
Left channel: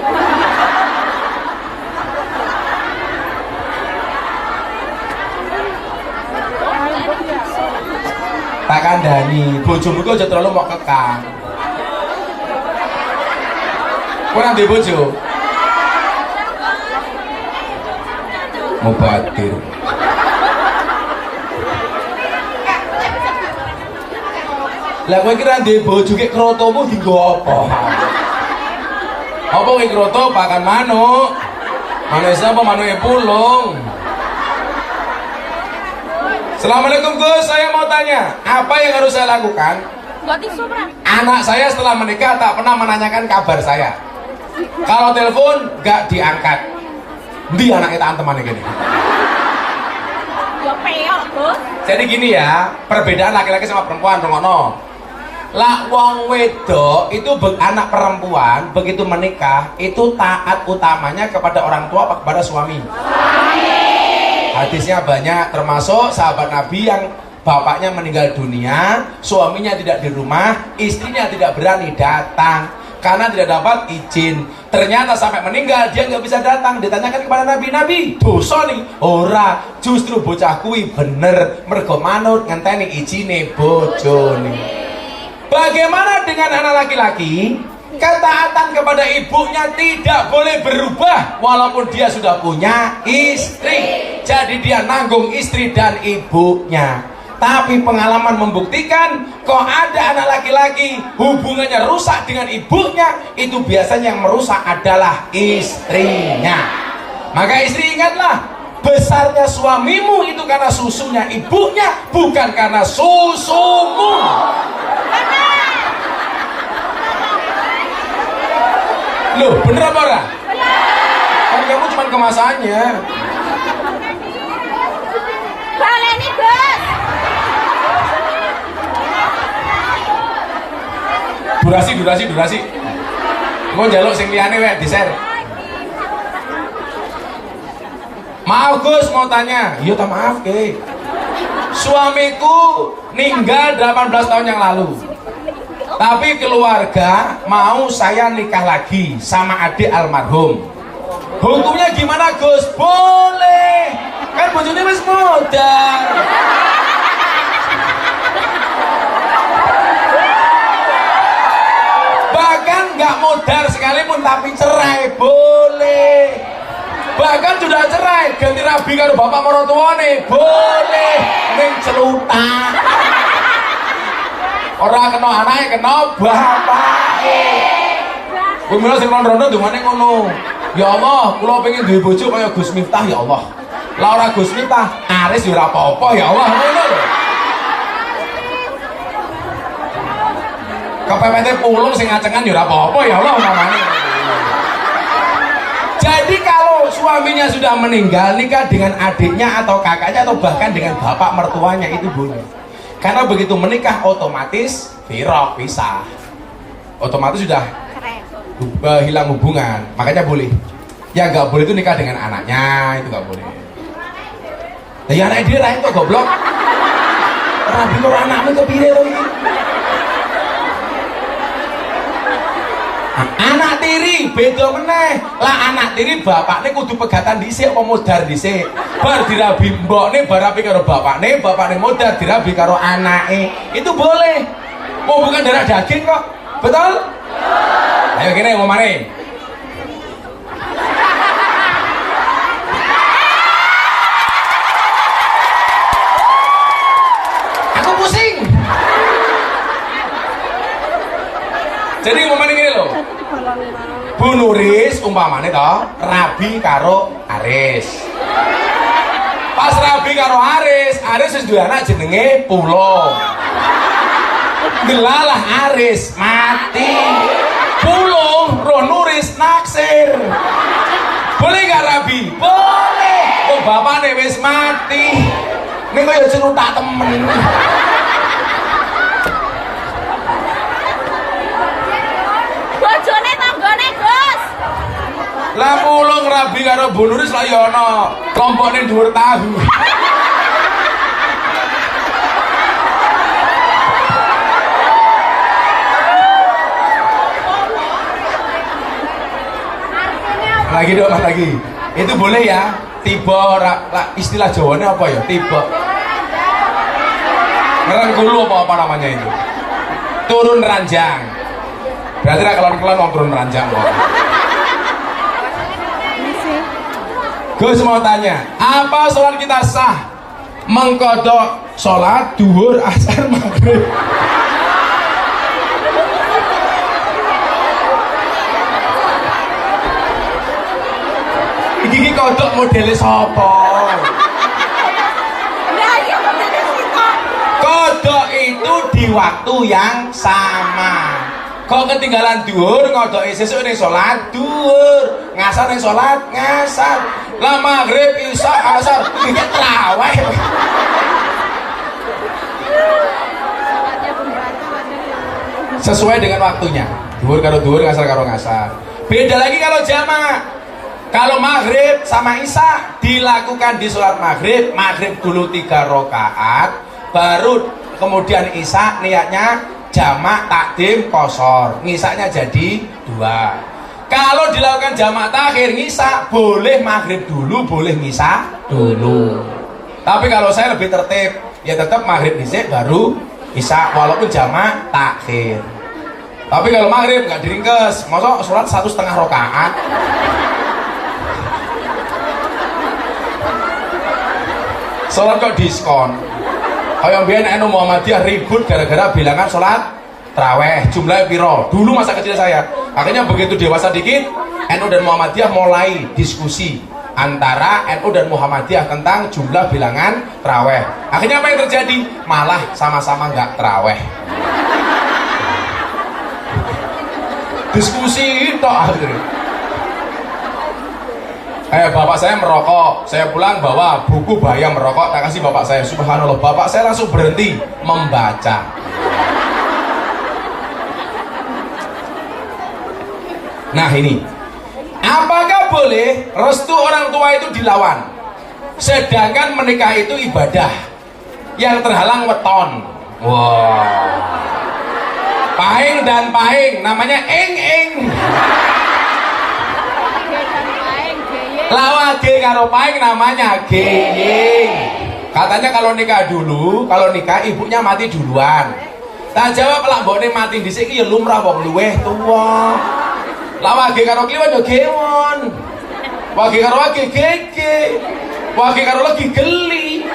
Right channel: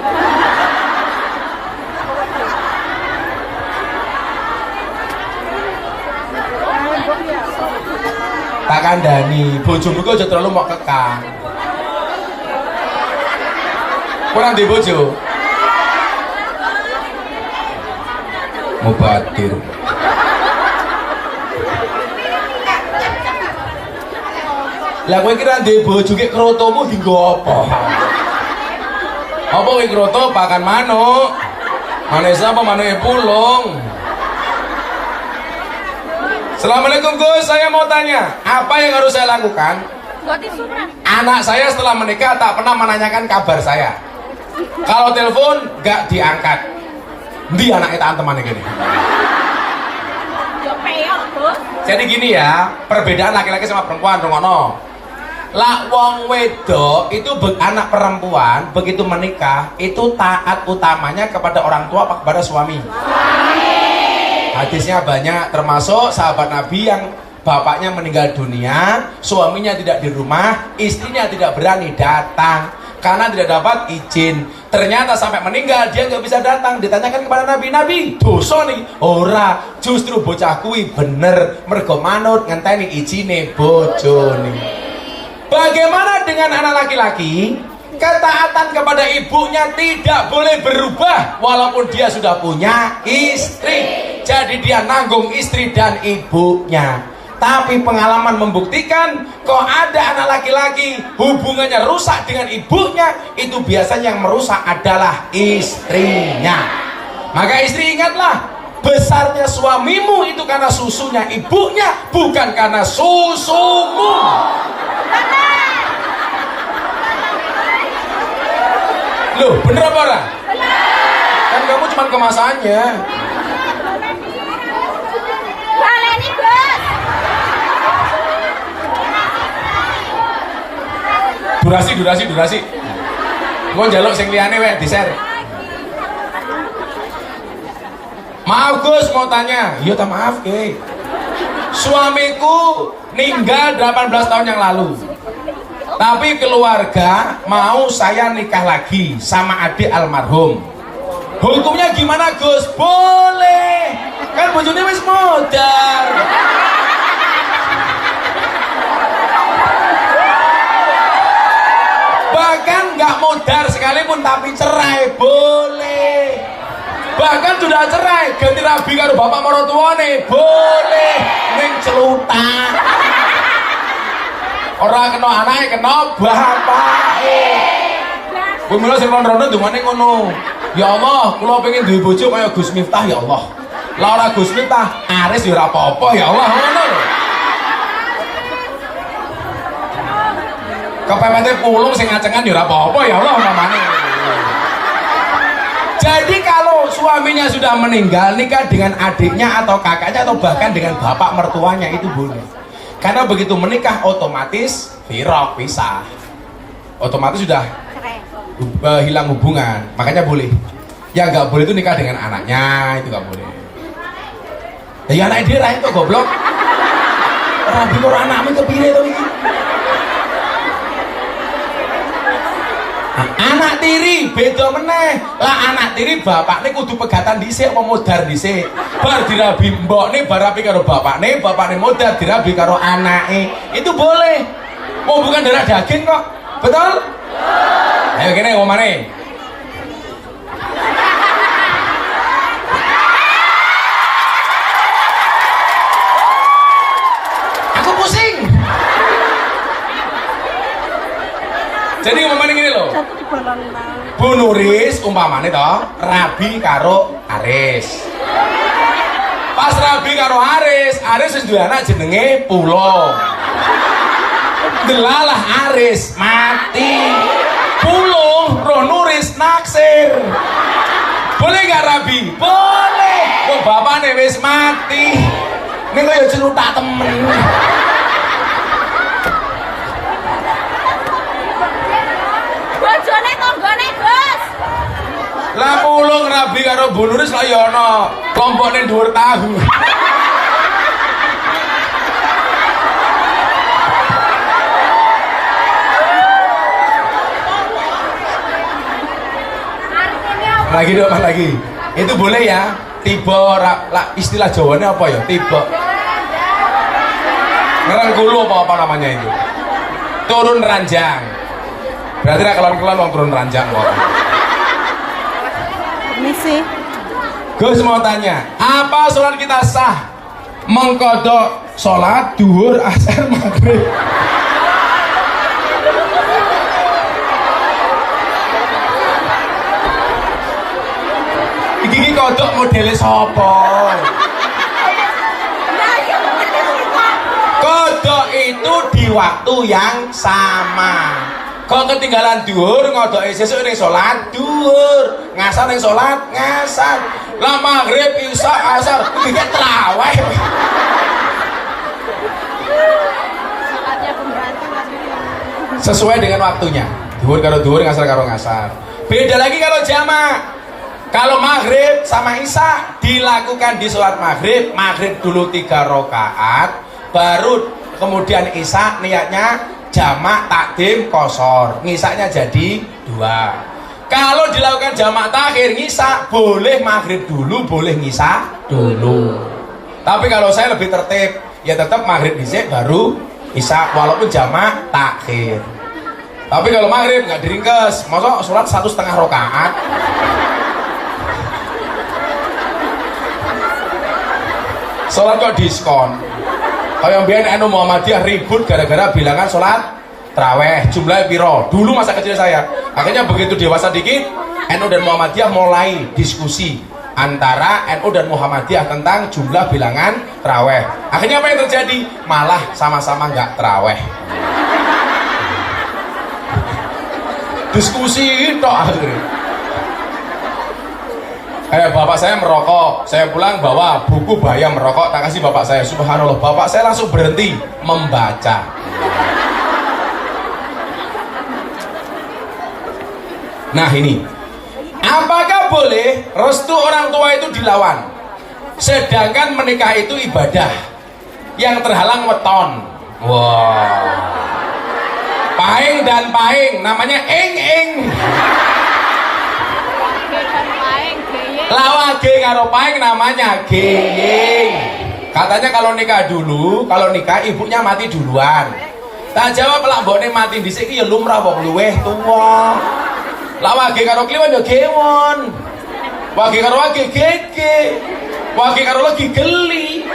Tak kandani, bojomu kok aja terlalu mau kekang. Kurang di bojo. Mubadir. Lah kowe kira duwe bojo ki krotomu dienggo apa? Apa kowe kroto pakan manuk? Manuk sapa manuke pulung? Assalamualaikum Gus, saya mau tanya, apa yang harus saya lakukan? Anak saya setelah menikah tak pernah menanyakan kabar saya. Kalau telepon gak diangkat. Ndi anaknya tak teman gini. Jadi gini ya, perbedaan laki-laki sama perempuan, rungono. Lah wong wedok itu anak perempuan begitu menikah itu taat utamanya kepada orang tua apa kepada suami? Hadisnya banyak, termasuk sahabat Nabi yang bapaknya meninggal dunia, suaminya tidak di rumah, istrinya tidak berani datang karena tidak dapat izin. Ternyata sampai meninggal dia nggak bisa datang. Ditanyakan kepada Nabi, "Nabi, dosa nih?" Ora, justru bocah kuwi bener mergo manut ngenteni izine bojone. Bagaimana dengan anak laki-laki? Ketaatan kepada ibunya tidak boleh berubah walaupun dia sudah punya istri. Jadi dia nanggung istri dan ibunya. Tapi pengalaman membuktikan kok ada anak laki-laki hubungannya rusak dengan ibunya, itu biasanya yang merusak adalah istrinya. Maka istri ingatlah, besarnya suamimu itu karena susunya ibunya, bukan karena susumu. Loh, bener apa orang? Kan kamu cuma kemasannya. Baleni, Bos. Durasi. Mau njaluk sing liyane wek di-share. Maaf Gus, mau tanya. Iya tak maaf, Ki. Suamiku meninggal 18 tahun yang lalu. Tapi keluarga mau saya nikah lagi sama adik almarhum. Hukumnya gimana Gus? Boleh. Kan bojone wis modal. Bahkan nggak modal sekalipun tapi cerai boleh. Bahkan sudah cerai ganti rabi karo bapak marotuane boleh. Ning celutak. Orang kena anake kena bapake. Kuwi mula sing rondo ndongane ngono. Ya Allah, kula pengen duwe bojo kaya Gus Miftah ya Allah. Lah ora Gus Miftah, Aris ya ora apa-apa ya Allah ngono lho. Kepepete pulung sing ngacengan ya ora apa-apa ya Allah namanya. Jadi kalau suaminya sudah meninggal, nikah dengan adiknya atau kakaknya atau bahkan dengan bapak mertuanya itu boleh. Karena begitu menikah otomatis firaq, pisah. Otomatis sudah hilang hubungan, makanya boleh. Yang nggak boleh itu nikah dengan anaknya, itu nggak boleh. Ya anak dia lain tuh goblok. Rabi kok anakmu kepilih loh ini. Anak tiri beda meneh. Lah anak tiri bapakne kudu pegatan dhisik apa modar dhisik. Bar dirabi mbokne bar rabi karo bapakne modar dirabi karo anake. Itu boleh. Mau bukan darah daging kok. Betul? Ayo kene omane. Aku pusing. Jadi omane gini loh. Bu Nuris umpamane toh rabi karo Aris. Pas rabi karo Aris wis duwe anak jenenge Pulo. Delalah Aris mati. Pulo roh Nuris naksir. Boleh gak rabi? Boleh. Oh bapakne wis mati. Ning kaya celutak temen. Bojone tanggane, Gus. Lah mulung rabi karo Bu Nuris lah ya ana kompone dhuwur tahu. Lagi dong lagi. Itu boleh ya? Tiba istilah Jawanya apa ya? Tiba. Ngerangkulu apa namanya itu? Turun ranjang. Berarti lah kalau turun ranjang loh. Ini sih. Gus mau tanya, apa sholat kita sah? Mengkodok sholat duhur asar maghrib. Iki kodok modelnya sopo? Kodok itu di waktu yang sama. Kok ketinggalan duhur ngodok sesuk ning salat duhur, ngasar ning salat ngasar. Lah maghrib isya asar iki traweh. Sesuai dengan waktunya. Duhur karo duhur, ngasar karo ngasar. Beda lagi kalau jamak. Kalau maghrib sama isya dilakukan di sholat maghrib, maghrib dulu 3 rakaat, baru kemudian isya niatnya jamak takdim kosor, ngisaknya jadi 2. Kalau dilakukan jamak takhir ngisak, boleh maghrib dulu, boleh ngisak dulu. Tapi kalau saya lebih tertib, ya tetap maghrib dhisik baru isya walaupun jamak takhir. Tapi kalau maghrib nggak diringkes, masa sholat 1,5 rakaat. Sholat kok diskon. Kayak biyen anu Muhammadiyah ribut gara-gara bilangan sholat tarawih jumlahnya piro. Dulu masa kecil saya. Akhirnya begitu dewasa dikit, NU dan Muhammadiyah mulai diskusi antara NU dan Muhammadiyah tentang jumlah bilangan tarawih. Akhirnya apa yang terjadi? Malah sama-sama nggak tarawih. Diskusi tok akhirnya. Bapak saya merokok, saya pulang bawa buku bahaya merokok, tak kasih bapak saya. Subhanallah, bapak saya langsung berhenti membaca. Nah ini, apakah boleh restu orang tua itu dilawan? Sedangkan menikah itu ibadah yang terhalang weton. Wow. Paing dan paing, namanya ing. Lawage karo paing namanya geying. Katanya kalau nikah dulu, kalau nikah ibunya mati duluan. Tak jawab lah mbokne mati dhisik iki ya lumrah wong luweh tuwa. Lawage karo kliwat ya gewon. Wage karo wage gege. Wage karo lagi geli.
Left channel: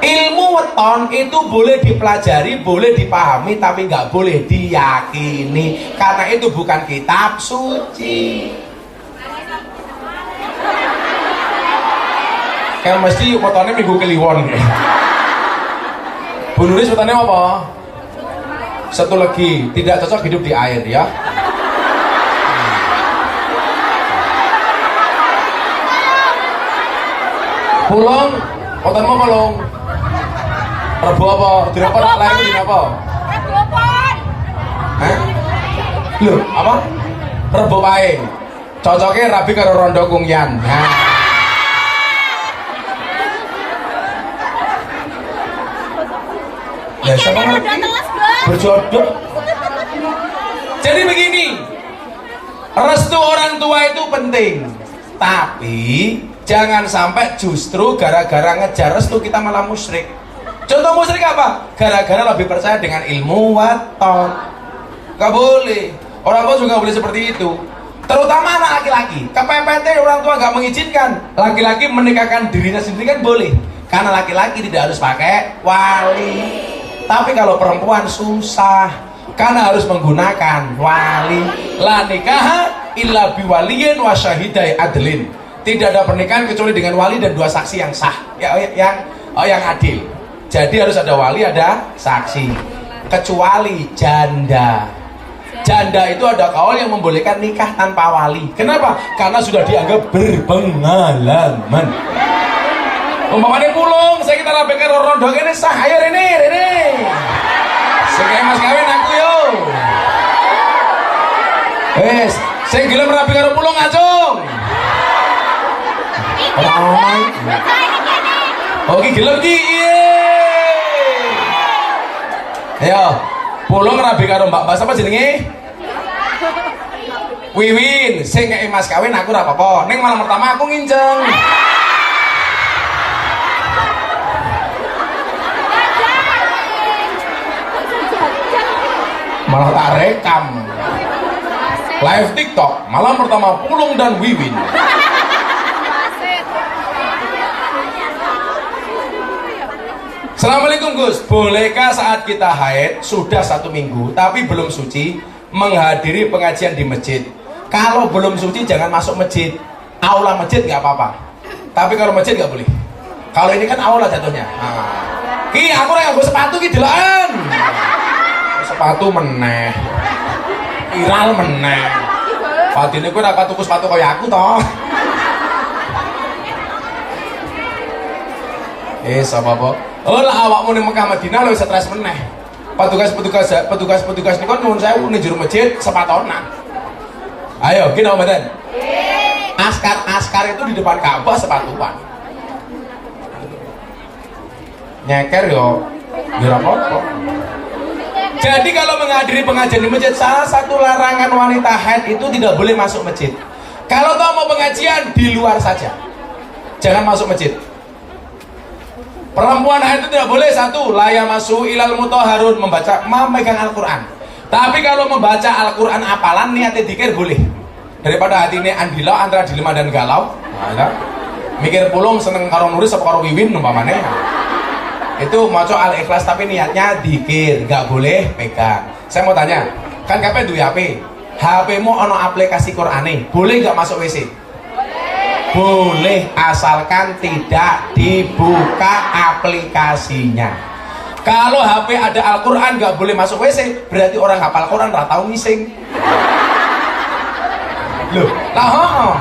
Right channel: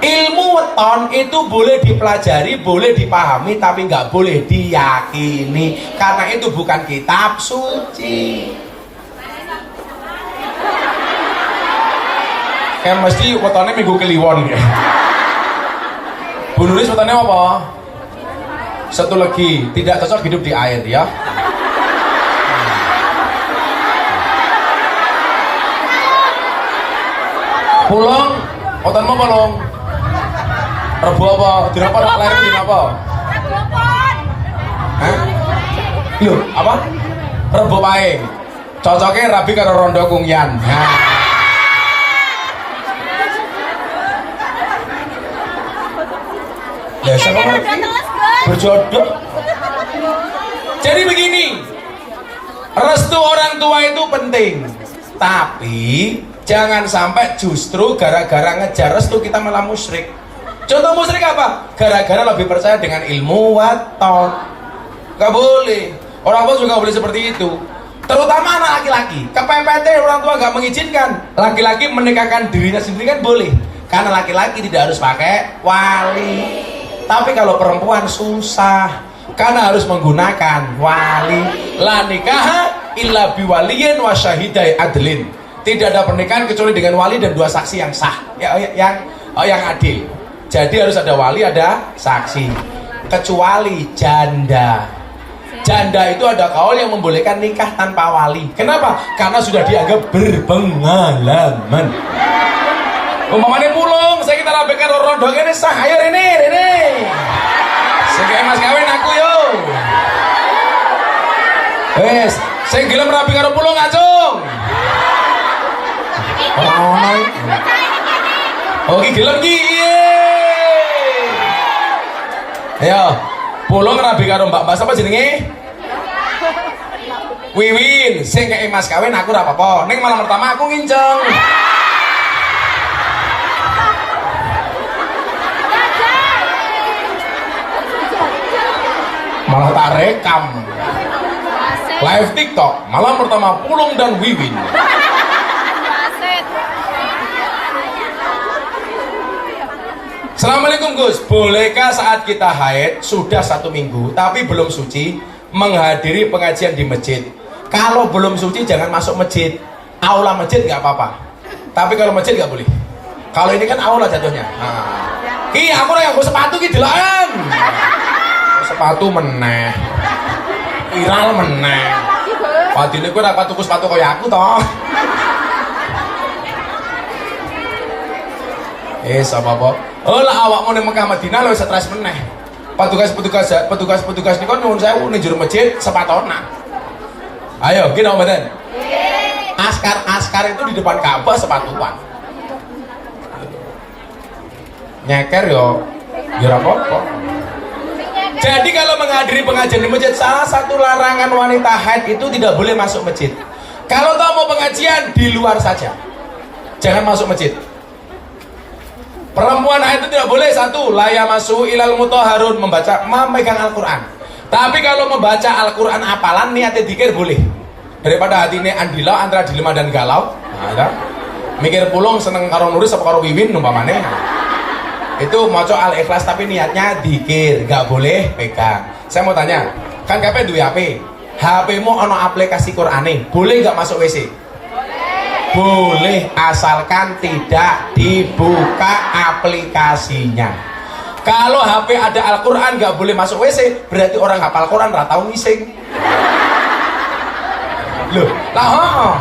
Ilmu weton itu boleh dipelajari, boleh dipahami, tapi nggak boleh diyakini karena itu bukan kitab suci. Kan mesti wetonnya minggu kliwon. Bu Nuris wetonnya apa? Satu lagi, tidak cocok hidup di air ya. Pulong, wetonmu apa long? Rebo apa? Dirapa lahir di apa? Hah? Loh, apa? Rebo paing. Cocoknya rabi karo rondo kungyan. Nah. Ya siapa berjodoh. Jadi begini, restu orang tua itu penting, tapi jangan sampai justru gara-gara ngejar restu kita malah musyrik. Contoh musyrik apa? Gara-gara lebih percaya dengan ilmu waton. Gak boleh. Orang tua juga boleh seperti itu. Terutama anak laki-laki. Kepepet orang tua gak mengizinkan. Laki-laki menikahkan dirinya sendiri kan boleh. Karena laki-laki tidak harus pakai wali. Tapi kalau perempuan susah. karena harus menggunakan wali. La nikaha illa biwaliyin wa syahidai adlin. Tidak ada pernikahan kecuali dengan wali dan 2 saksi yang sah, yang adil. Jadi harus ada wali, ada saksi. Kecuali janda. Janda itu ada kaul yang membolehkan nikah tanpa wali. Kenapa? Karena sudah dianggap berpengalaman. Umpamanya pulung, saya kita rapikan rondo ini sah. Ayo ini. Sekali mas kawin aku yo. Saya gelem rapikan pulung acung. Oke, gelem ki. Ayo, pulung rabi karo mbak apa jenenge? Wiwin, sing kei mas kawin aku ora apa-apa. Ning malam pertama aku nginceng. Malah tak rekam. Live TikTok, malam pertama Pulung dan Wiwin. Assalamualaikum Gus, bolehkah saat kita haid sudah 1 minggu tapi belum suci menghadiri pengajian di masjid? Kalau belum suci jangan masuk masjid. Aula masjid nggak apa-apa, tapi kalau masjid nggak boleh. Kalau ini kan aula jatuhnya. Ki aku ora nggo sepatu ki deloken. Sepatu meneh. Viral meneh. Padine kowe ora tuku sepatu kaya aku toh. Apa-apa. Oh lah awakmu ning Mekah Madinah lho stres meneh. Petugas niku nuwun sewu ning jero masjid sepatonan. Ayo, gini mboten? Askar itu di depan Ka'bah sepatuan. Nyeker yo ora apa-apa. Jadi kalau menghadiri pengajian di masjid, salah satu larangan wanita haid itu tidak boleh masuk masjid. Kalau tahu mau pengajian di luar saja. Jangan masuk masjid. Perempuan haid itu tidak boleh, 1, la yamassu ilal mutahharun, memegang Al-Quran. Tapi kalau membaca Al-Quran apalan niatnya dikir boleh. Daripada hati ini andila antara dilema dan galau. Nah, mikir pulung seneng karo nulis apa karo wiwin umpamane. Itu maca Al-Ikhlas tapi niatnya dikir, nggak boleh pegang. Saya mau tanya, kan kabeh duwe HP. HP-mu ono aplikasi Qur'ane, boleh nggak masuk WC? Boleh, asalkan tidak dibuka aplikasinya. Kalau HP ada Al-Quran nggak boleh masuk WC, berarti orang hafal Quran nggak tahu ngising. Loh, lah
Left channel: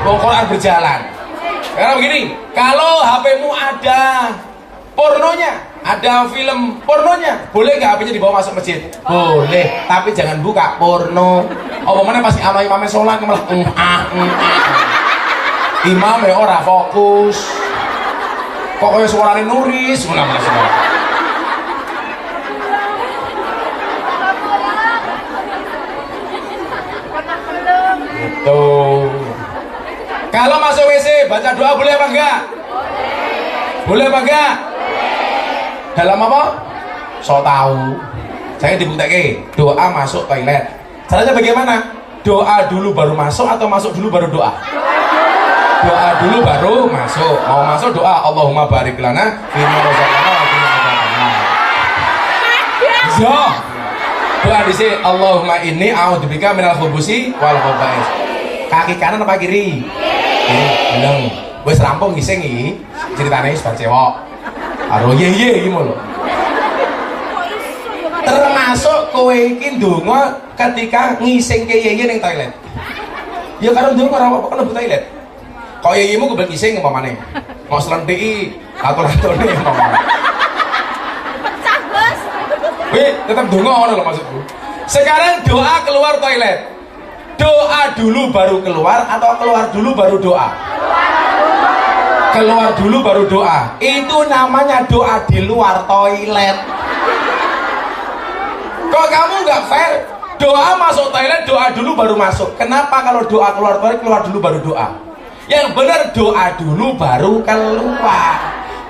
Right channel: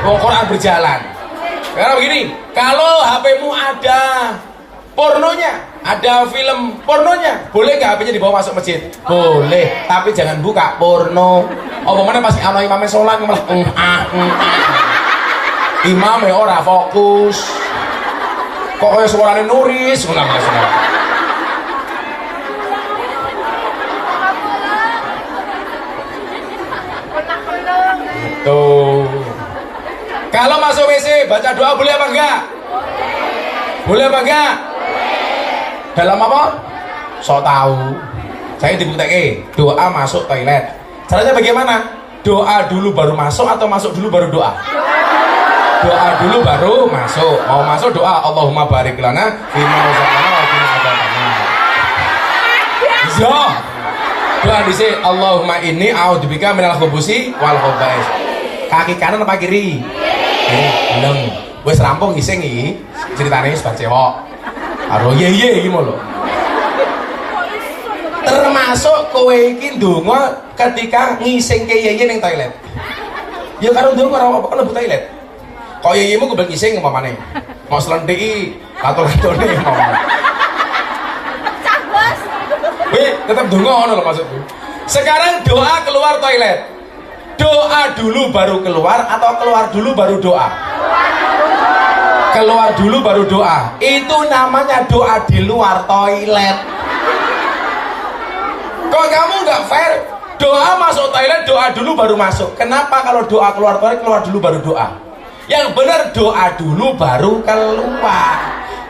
Quran berjalan. Karena begini, kalau HP-mu ada pornonya, ada film pornonya, boleh nggak HP-nya dibawa masuk masjid? Boleh, tapi jangan buka porno. Oh, mana pasti sama imamnya sholat malah imam ya ora fokus. Kok kayak suaranya nuris, ulang semua. Gitu. Kalau masuk WC baca doa boleh apa enggak? Boleh apa enggak? Dalam apa? So tahu. Saya dibuktikan doa masuk toilet. Caranya bagaimana? Doa dulu baru masuk atau masuk dulu baru doa? Doa dulu baru masuk. Mau masuk doa Allahumma barik lana fima razaqtana wa qina adzabannar. Yo. Doa dhisik Allahumma inni a'udzubika minal khubusi wal khaba'is. Kaki kanan apa kiri? Belum. Wis rampung ngising iki. Ceritane wis bar cewek. Karo ye iki lho. Termasuk kowe iki ndonga ketika ngisingke ye ning toilet. Ya karo ndonga ora apa-apa kalau toilet. Kok yeyemu kebelet ngising umpamane. Mau slendiki lato-latone umpamane. Pecah, Bos. Tetap ndonga ngono lho maksudku. Sekarang doa keluar toilet. Doa dulu baru keluar atau keluar dulu baru doa? Keluar dulu baru doa. Itu namanya doa di luar toilet. Kalau kamu nggak fair, doa masuk toilet, doa dulu baru masuk. Kenapa kalau doa keluar toilet, keluar dulu baru doa? Yang benar doa dulu baru keluar.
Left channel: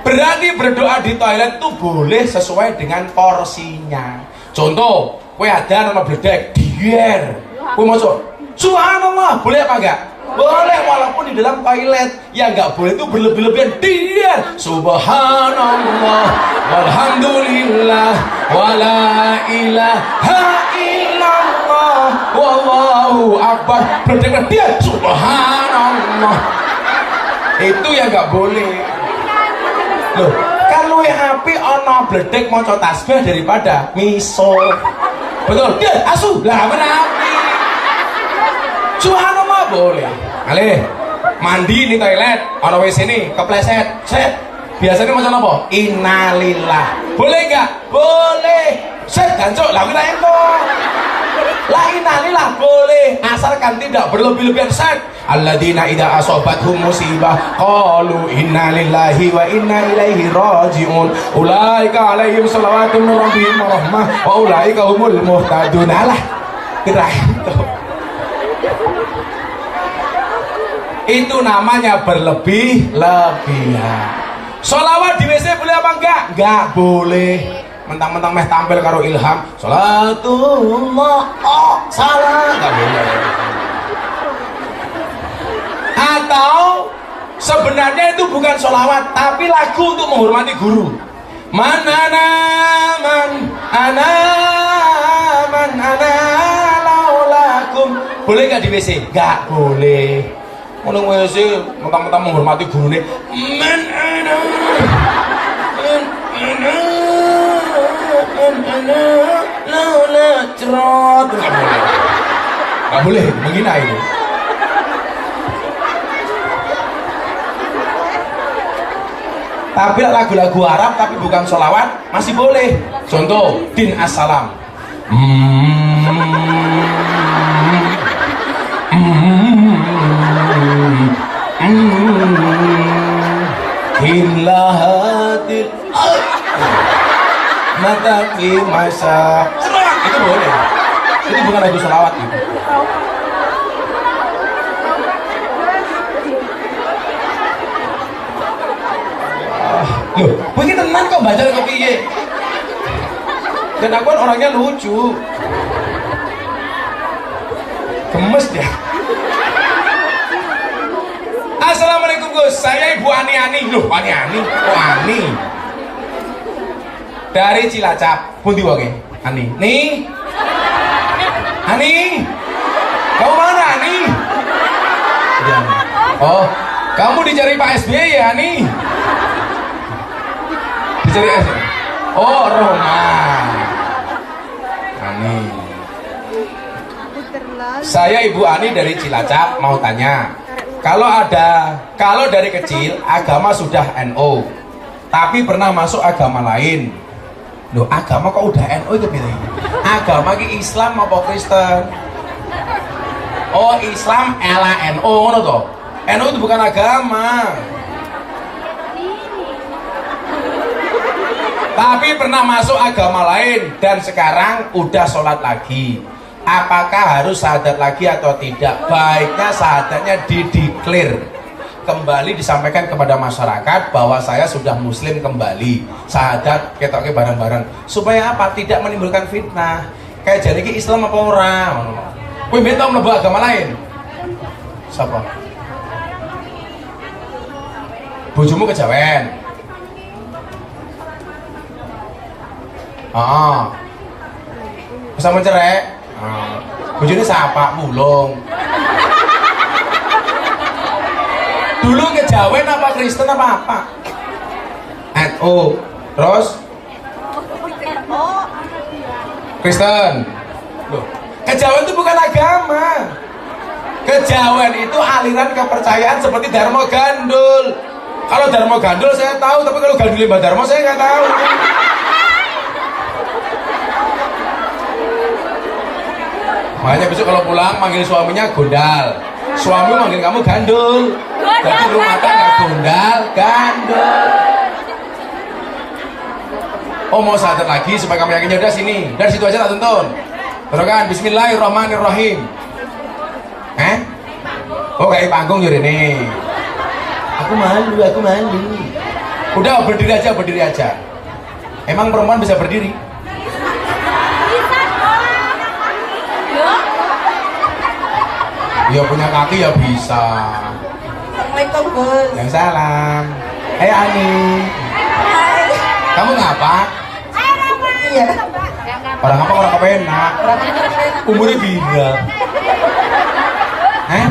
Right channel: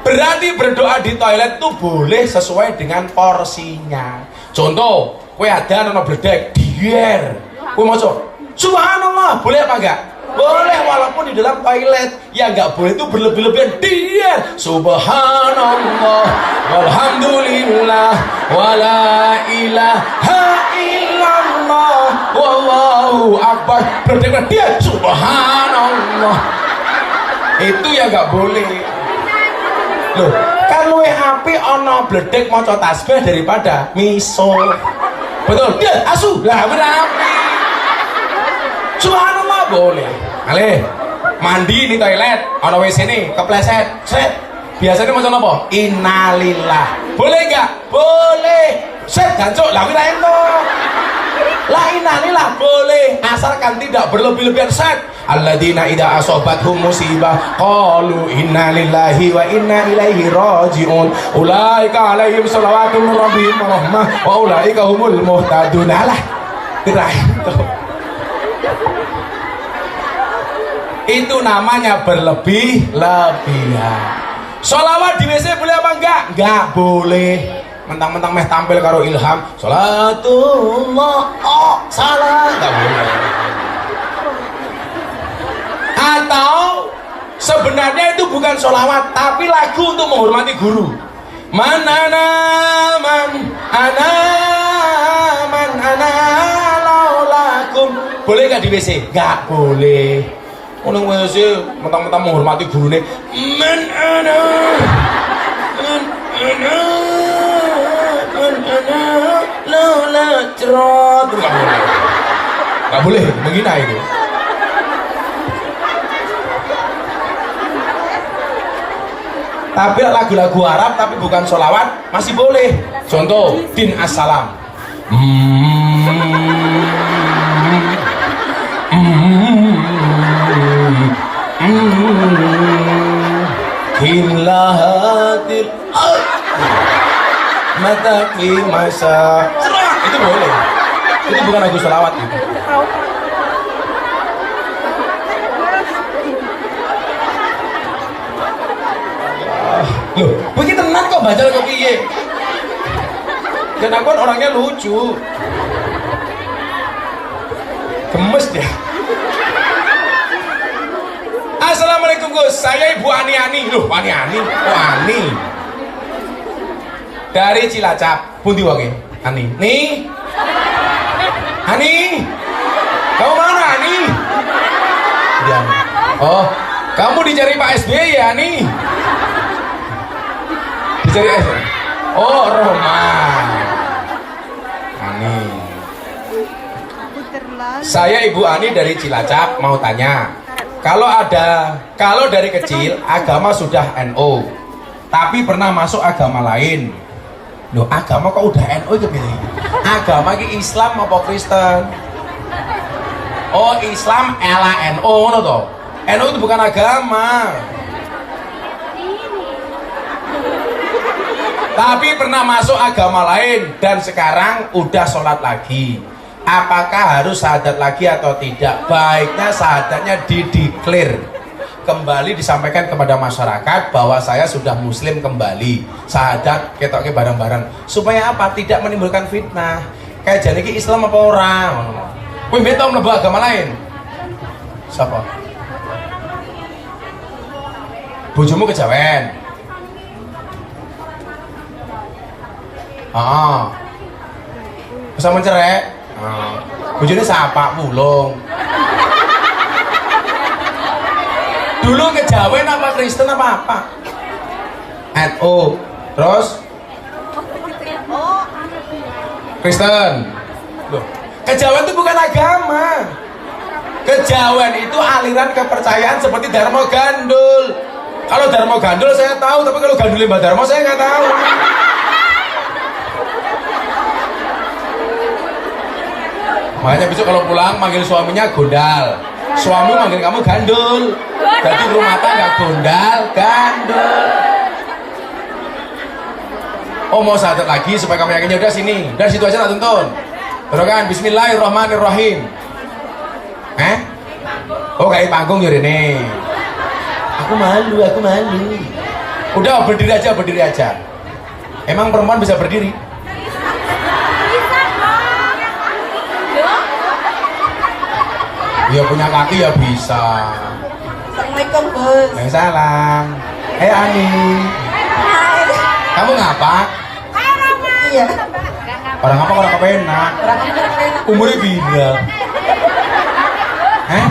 Berarti berdoa di toilet itu boleh sesuai dengan porsinya. Contoh, kowe ada nama bledek, dier. Kowe maca Subhanallah, boleh apa enggak? Boleh walaupun di dalam toilet. Yang nggak boleh itu berlebih-lebihan. Dia subhanallah walhamdulillah wala ilaha illallah wallahu akbar. Berdengar dia subhanallah. Itu yang nggak boleh. Loh, kan luwih apik ana bledek maca tasbih daripada miso. Betul? Dia asu. Lah menapi. Subhanallah boleh. Ale, mandi di toilet, ana WC ini kepleset. Set. Biasanya macam apa? Innalillah. Boleh enggak? Boleh. Set gancuk lagi lah ento. La innalillah boleh, asalkan tidak berlebih-lebihan. Set. Alladzina idza asobathum musibah qalu inna lillahi wa inna ilaihi rajiun. Ulaika alaihim shalawatun min rabbihim wa rahmah wa ulaika humul muhtadun. Alah. Tidak itu. Itu namanya berlebih-lebihan. Sholawat di WC boleh apa enggak? Enggak boleh. Mentang-mentang meh tampil karo Ilham, sholatullah, oh salah, enggak boleh. Atau sebenarnya itu bukan sholawat, tapi lagu untuk menghormati guru. Man ana laulakum. Boleh enggak di WC? Enggak boleh. Ono WC mentang-mentang menghormati gurune. Man ana laula cerot. Enggak boleh menghina itu. Tapi lagu-lagu Arab tapi bukan sholawat masih boleh. Contoh din assalam. Himlahatil mata masa. Itu boleh. Itu bukan lagu sholawat itu. Loh, begitu tenang kok baca kok piye. Dan aku kan orangnya lucu. Gemes dia. Assalamualaikum Gus, saya Ibu Ani. Loh, Ani. Dari Cilacap. Pundi wae? Ani. Nih. Ani. Kamu mana, Ani? Ya. Oh, kamu dicari Pak SBY ya, Ani? Oh, Roma. Ani. Saya Ibu Ani dari Cilacap mau tanya. Kalau dari kecil agama sudah NU, tapi pernah masuk agama lain. Loh, agama kok udah NU itu pilih? Agama ki Islam apa Kristen? Oh, Islam ala NU ngono to. NU itu bukan agama. Tapi pernah masuk agama lain dan sekarang udah sholat lagi. Apakah harus syahadat lagi atau tidak? Baiknya syahadatnya dideklar. Kembali disampaikan kepada masyarakat bahwa saya sudah muslim kembali. Syahadat ketoknya bareng-bareng. Supaya apa? Tidak menimbulkan fitnah. Kayak jadi ki Islam apa orang? Wih, minta mlebu agama lain. Siapa? Bojomu kejawen. Bisa mencerai. Bojone siapa? Mulung. Dulu kejawen apa Kristen apa? NU. Terus? Kristen. Loh, kejawen itu bukan agama. Kejawen itu aliran kepercayaan seperti Dharma Gandul. Kalau Dharma Gandul saya tahu, tapi kalau Gandul Mbak Dharma saya nggak tahu. Makanya besok kalau pulang manggil suaminya gondal, suami manggil kamu gandul. Berarti rumah tangga gondal, gandul. Oh, mau syahadat lagi supaya kamu yakinnya udah sini. Dari situ aja tak tonton. Terus kan Bismillahirrahmanirrahim. Oh, kayak panggung ya ini. Aku malu. Udah berdiri aja. Emang perempuan bisa berdiri? Ya punya kaki ya bisa. Assalamualaikum Gus. Ya salam. Ani. Kamu ngapa? Iya. Orang apa orang kepenak? Umurnya bida. Hah?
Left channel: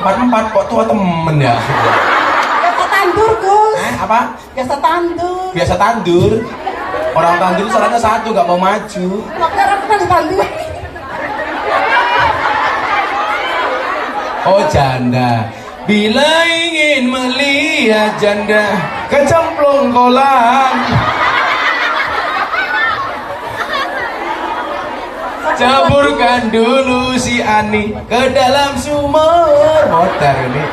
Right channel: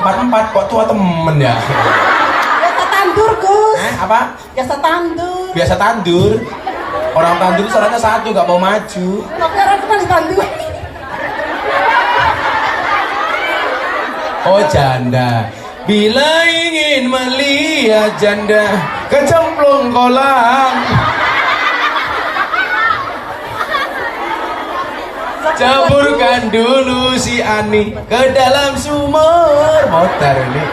44 kok tua temen ya? Biasa tandur Gus. Apa? Biasa tandur. Biasa tandur. Orang tandur itu salahnya satu, gak mau maju. Kok orang pernah ditandur? Oh janda, bila ingin melihat janda kecemplung kolam, ceburkan dulu si Ani ke dalam sumur. Motor ini.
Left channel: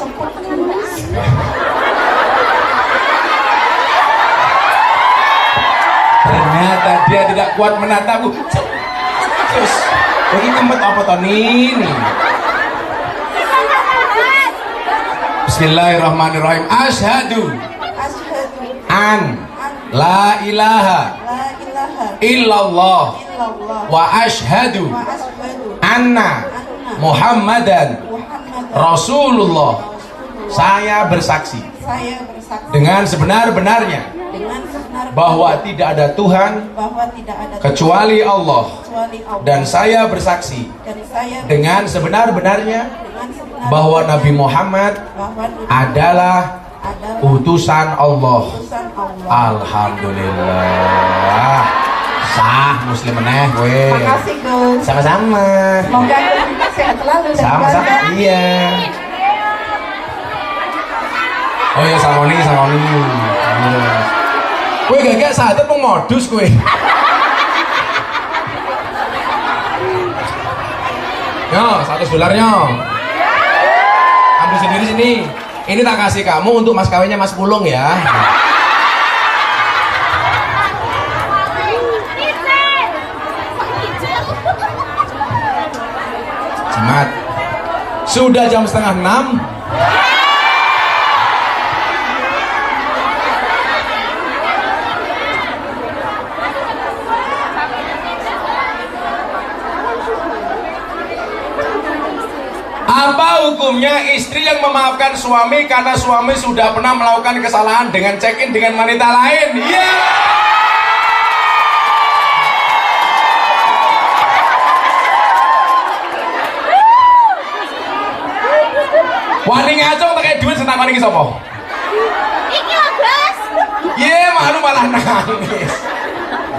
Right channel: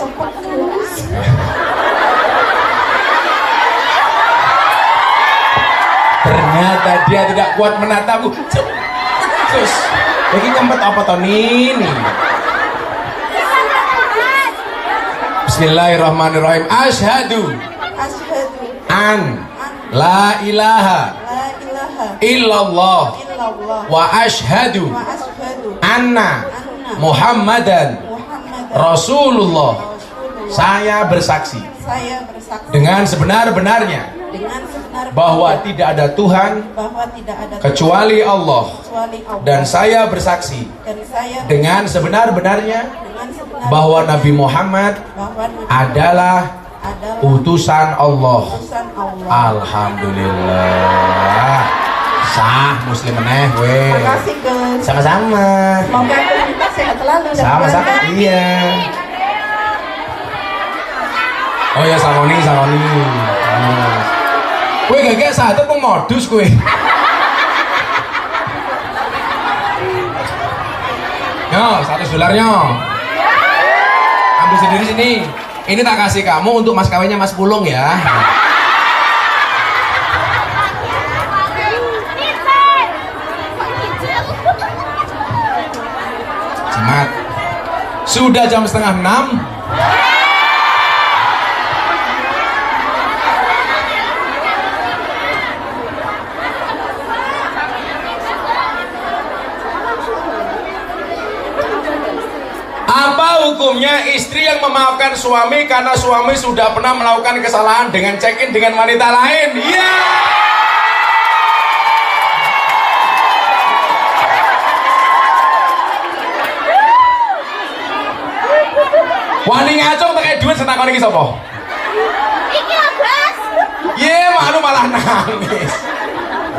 Cepet Gus. Ternyata dia tidak kuat menatapku. Terus, jadi tempat apa tahun ini? Bismillahirrahmanirrahim. Asyhadu Asyhadu an la ilaha la ilaha illallah illallah wa asyhadu wa asyhadu anna Muhammadan Muhammadan Rasulullah. Saya bersaksi saya bersaksi dengan sebenar-benarnya dengan sebenar bahwa tidak ada Tuhan bahwa tidak ada kecuali Allah, kecuali Allah, dan saya bersaksi dan saya dengan sebenar-benarnya dengan sebenar bahwa Nabi Muhammad bahwa Nabi adalah adalah utusan Allah. utusan Allah. Alhamdulillah. Sah muslim meneh gue. Terima kasih Gus. Sama-sama. Semoga kita sehat selalu dan Sama-sama. keluarga. Iya. Oh ya sama nih. Gue gak sadar mau modus gue. Yo, $100 ambil sendiri sini. Ini tak kasih kamu untuk mas kawinnya Mas Pulung ya. Jimat. Sudah jam 5:30. Apa hukumnya istri yang memaafkan suami karena suami sudah pernah melakukan kesalahan dengan check-in dengan wanita lain? Iya. Wani ngacung pakai duit setakon iki sapa? Iki lho, Gus. Iya, malu malah nangis.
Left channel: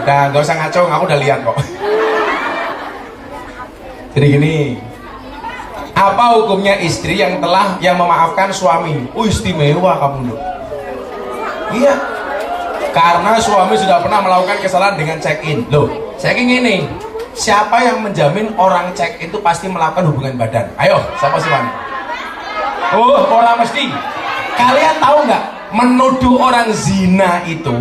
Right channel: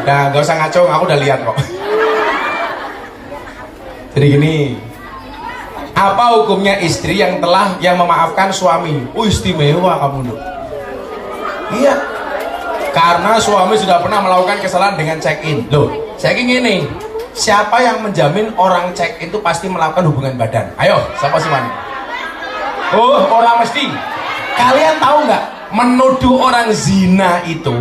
Udah, gak usah ngacung, aku udah lihat kok. Jadi gini, apa hukumnya istri yang memaafkan suami? Istimewa kamu loh. Iya, karena suami sudah pernah melakukan kesalahan dengan check-in. Loh, saya gini, siapa yang menjamin orang check-in itu pasti melakukan hubungan badan? Ayo, siapa sih Wani? Oh, orang mesti. Kalian tahu nggak? Menuduh orang zina itu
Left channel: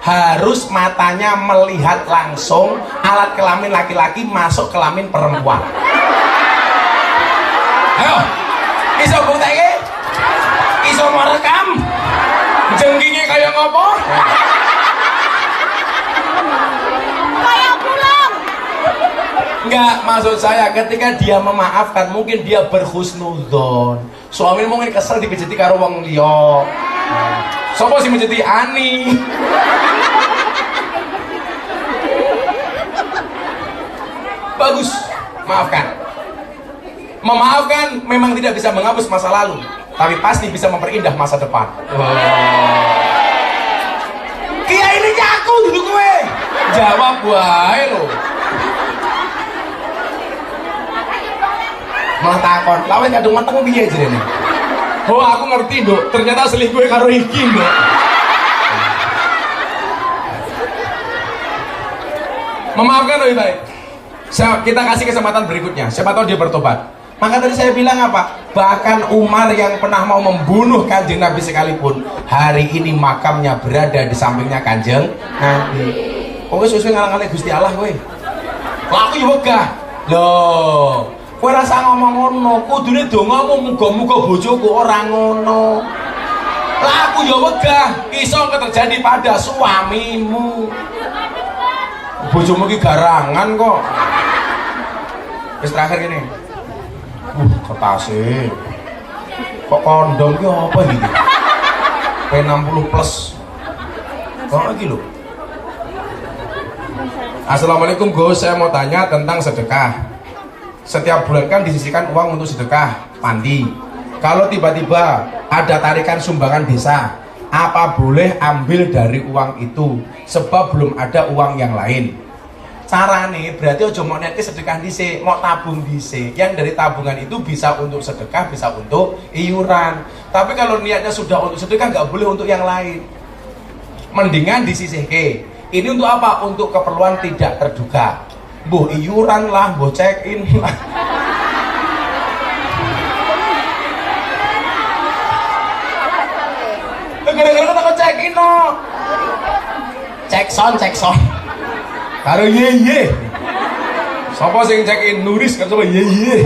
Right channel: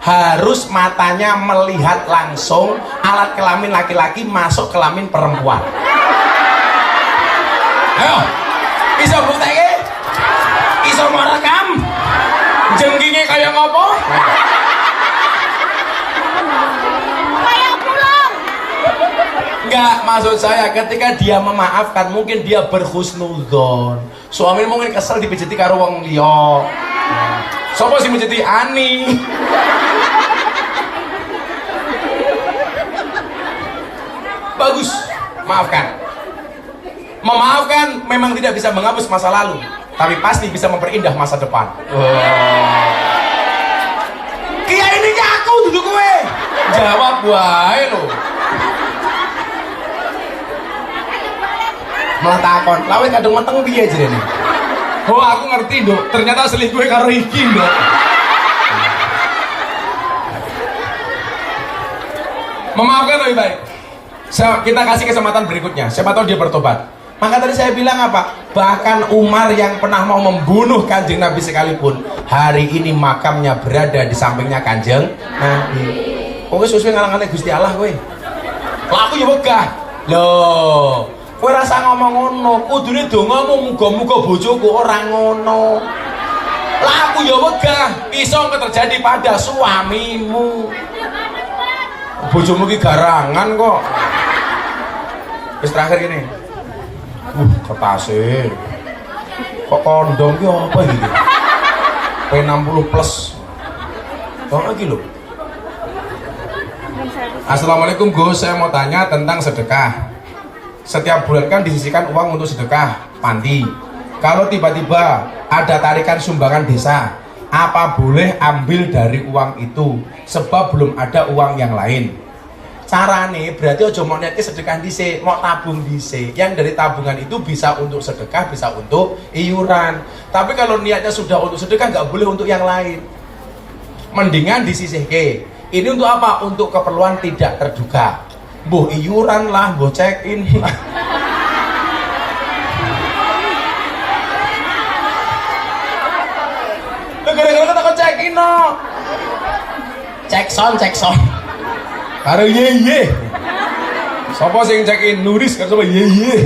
harus matanya melihat langsung alat kelamin laki-laki masuk kelamin perempuan. Ayo, iso bukteke? Iso merekam? Jengkinge kayak ngopo? Kayak pulang. Enggak, maksud saya ketika dia memaafkan mungkin dia berhusnudzon. Suami mungkin kesel dipijiti karo wong liya. Sopo sih menjadi Ani? Bagus, maafkan. Memaafkan memang tidak bisa menghapus masa lalu, tapi pasti bisa memperindah masa depan. Kia ini aku dulu gue. Jawab wae lo. Malah takon, lawan kadung menteng piye jenenge? Oh, aku ngerti, Nduk. Ternyata selingkuh karo iki, Nduk. Memaafkan lebih baik. Kita kasih kesempatan berikutnya. Siapa tahu dia bertobat. Maka tadi saya bilang apa? Bahkan Umar yang pernah mau membunuh Kanjeng Nabi sekalipun, hari ini makamnya berada di sampingnya Kanjeng Nabi. Kowe sesuai ngalang-alang Gusti Allah kowe. Lah aku yo wegah. Loh, kowe rasa ngomong ngono, kudune dongamu muga-muga bojoku ora ngono. Lah aku yo wegah, iso terjadi pada suamimu. Bojomu ki garangan kok. Terus terakhir gini. Kertasnya. Kok kondom ki apa gitu? P60 plus. Kok lagi loh? Assalamualaikum Gus, saya mau tanya tentang sedekah. Setiap bulan kan disisihkan uang untuk sedekah panti. Kalau tiba-tiba ada tarikan sumbangan desa, apa boleh ambil dari uang itu? Sebab belum ada uang yang lain. Carane berarti ojo mau nanti sedekah dhisik, mau tabung dhisik. Yang dari tabungan itu bisa untuk sedekah, bisa untuk iuran. Tapi kalau niatnya sudah untuk sedekah, nggak boleh untuk yang lain. Mendingan disisihke. Ini untuk apa? Untuk keperluan tidak terduga. Boh iuran lah, boh check in lah. Gara-gara kata kau check in no. Cek son. Karo ye. Sapa sing check in Nuris kan sama ye.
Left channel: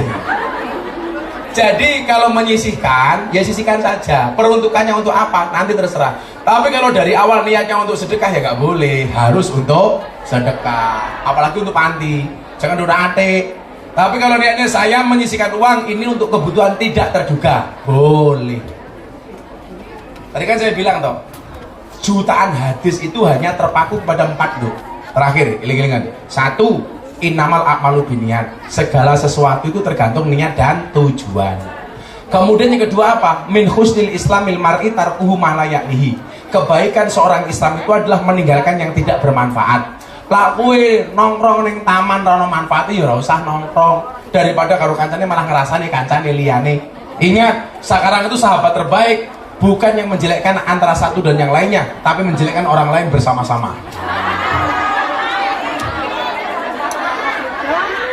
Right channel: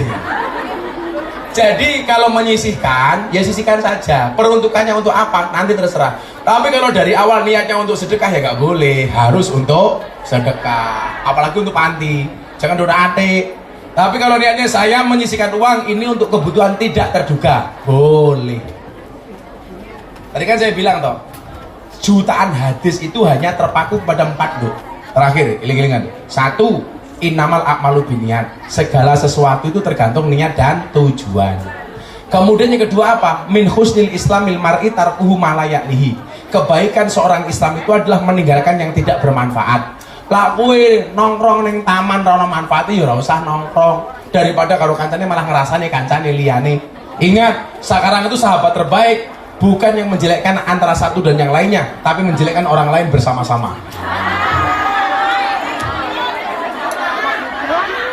Jadi kalau menyisihkan, ya sisihkan saja. Peruntukannya untuk apa? Nanti terserah. Tapi kalau dari awal niatnya untuk sedekah ya nggak boleh. Harus untuk sedekah. Apalagi untuk panti. Jangan udah ate. Tapi kalau niatnya saya menyisihkan uang ini untuk kebutuhan tidak terduga, boleh. Tadi kan saya bilang toh, jutaan hadis itu hanya terpaku pada 4 loh. Terakhir, iling-ilingan. 1. Innamal a'malu binniyat. Segala sesuatu itu tergantung niat dan tujuan. Kemudian yang kedua apa? Min husnil islamil mar'i tarkuhu ma la ya'nihi. Kebaikan seorang Islam itu adalah meninggalkan yang tidak bermanfaat. Lah kowe nongkrong ning taman ora manfaate ya ora usah nongkrong. Daripada karo kancane malah ngrasani kancane liyane. Ingat, sekarang itu sahabat terbaik bukan yang menjelekkan antara satu dan yang lainnya, tapi menjelekkan orang lain bersama-sama.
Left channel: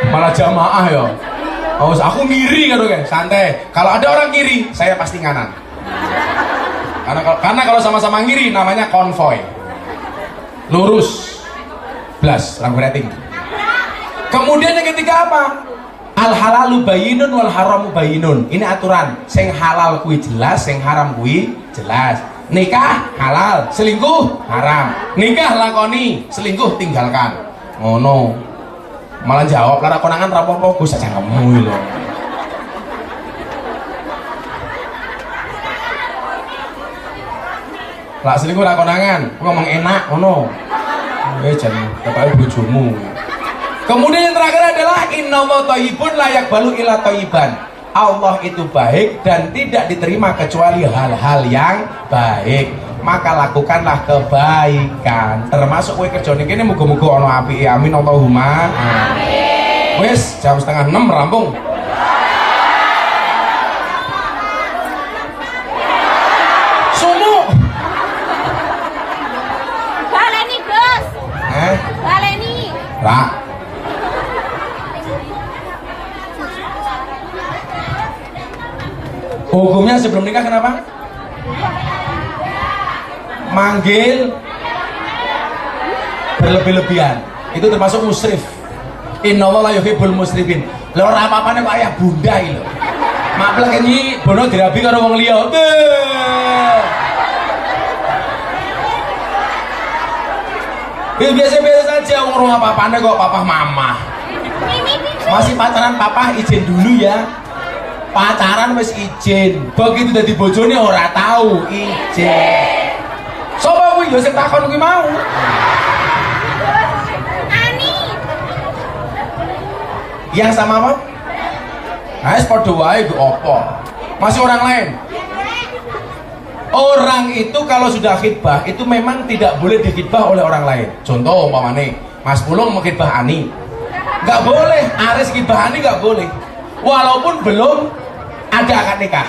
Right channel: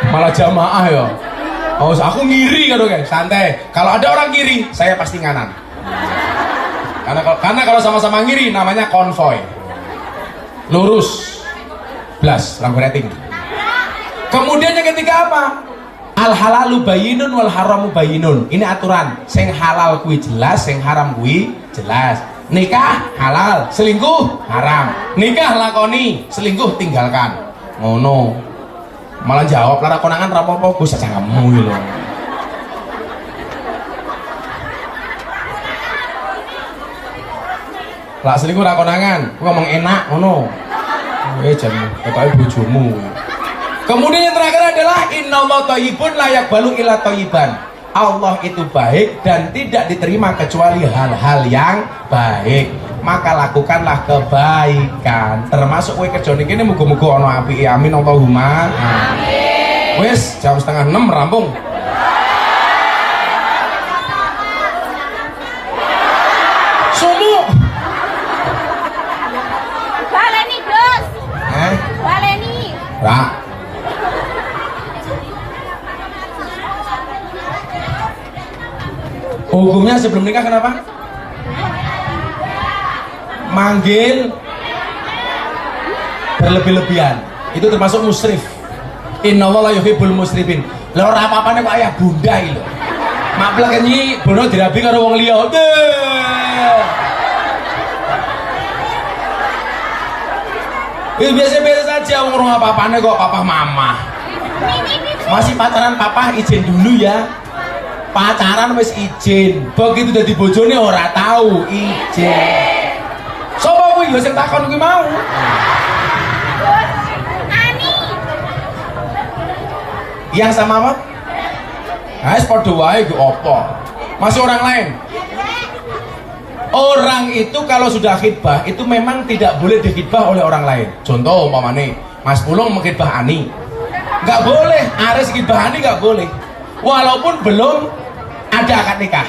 Malah jamaah ya. Oh, aku ngiri kan guys, santai. Kalau ada orang ngiri, saya pasti nganan. Karena kalau sama-sama ngiri namanya konvoy. Lurus. Blas, lampu rating. Kemudian yang ketiga apa? Al halalu bayyinun wal haramu bayyinun. Ini aturan. Sing halal kuwi jelas, sing haram kuwi jelas. Nikah halal, selingkuh haram. Nikah lakoni, selingkuh tinggalkan. Ngono. Malah jawab lara konangan rapopo Gus aja kamu lho. Lah selingkuh ra konangan, ngomong enak ngono. Jangan ketahui bojomu. Kemudian yang terakhir adalah innallaha thayyibun la yaqbalu illa thayyiban. Allah itu baik dan tidak diterima kecuali hal-hal yang baik. Maka lakukanlah kebaikan. Termasuk kowe kerja niki muga-muga ana apike. Amin Allahumma. Amin. Wis jam 5:30 rampung. Sumu. Baleni, Gus. Baleni. Ra. Hukumnya sebelum nikah kenapa? Manggil berlebih-lebihan itu termasuk musrif. Innallaha la yuhibbul musrifin. Lha ora apa-apane kok ayah bunda iki lho. Maklek iki bono dirabi karo wong liya. Biasa-biasa saja wong ora apa-apane kok papa mama. Masih pacaran papa izin dulu ya. Pacaran wis izin. Begitu dadi bojone ora tahu izin. Sopo kuwi yo sing takon kuwi mau. Ani. Yang sama apa? Wis padha wae ku apa? Masih orang lain. Orang itu kalau sudah khitbah itu memang tidak boleh dikhitbah oleh orang lain. Contoh umpamane Mas Pulung mengkhitbah Ani. Enggak boleh, Aris khitbah Ani enggak boleh. Walaupun belum ada akad nikah,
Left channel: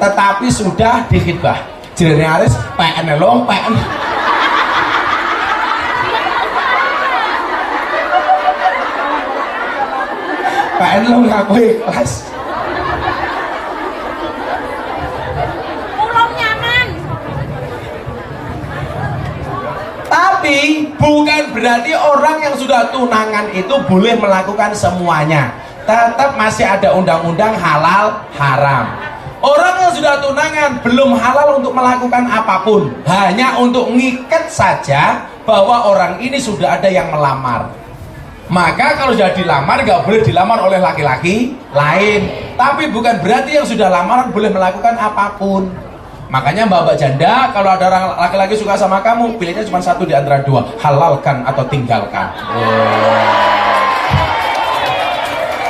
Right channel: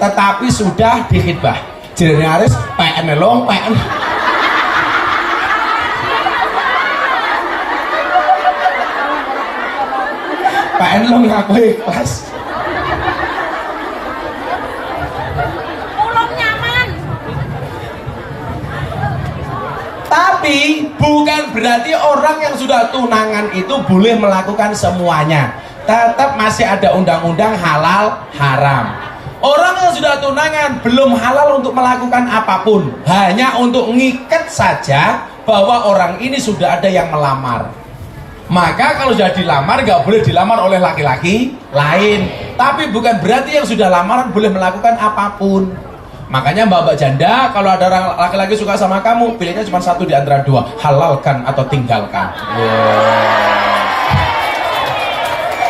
tetapi sudah dikhitbah. Jenenge Aris PN lo, PN. PN lo ngaku ikhlas. Belum nyaman. Tapi bukan berarti orang yang sudah tunangan itu boleh melakukan semuanya. Tetap masih ada undang-undang halal haram. Orang yang sudah tunangan belum halal untuk melakukan apapun, hanya untuk ngikat saja bahwa orang ini sudah ada yang melamar. Maka kalau sudah dilamar nggak boleh dilamar oleh laki-laki lain. Tapi bukan berarti yang sudah lamaran boleh melakukan apapun. Makanya mbak-mbak janda, kalau ada orang laki-laki suka sama kamu, pilihnya cuma satu di antara dua, halalkan atau tinggalkan.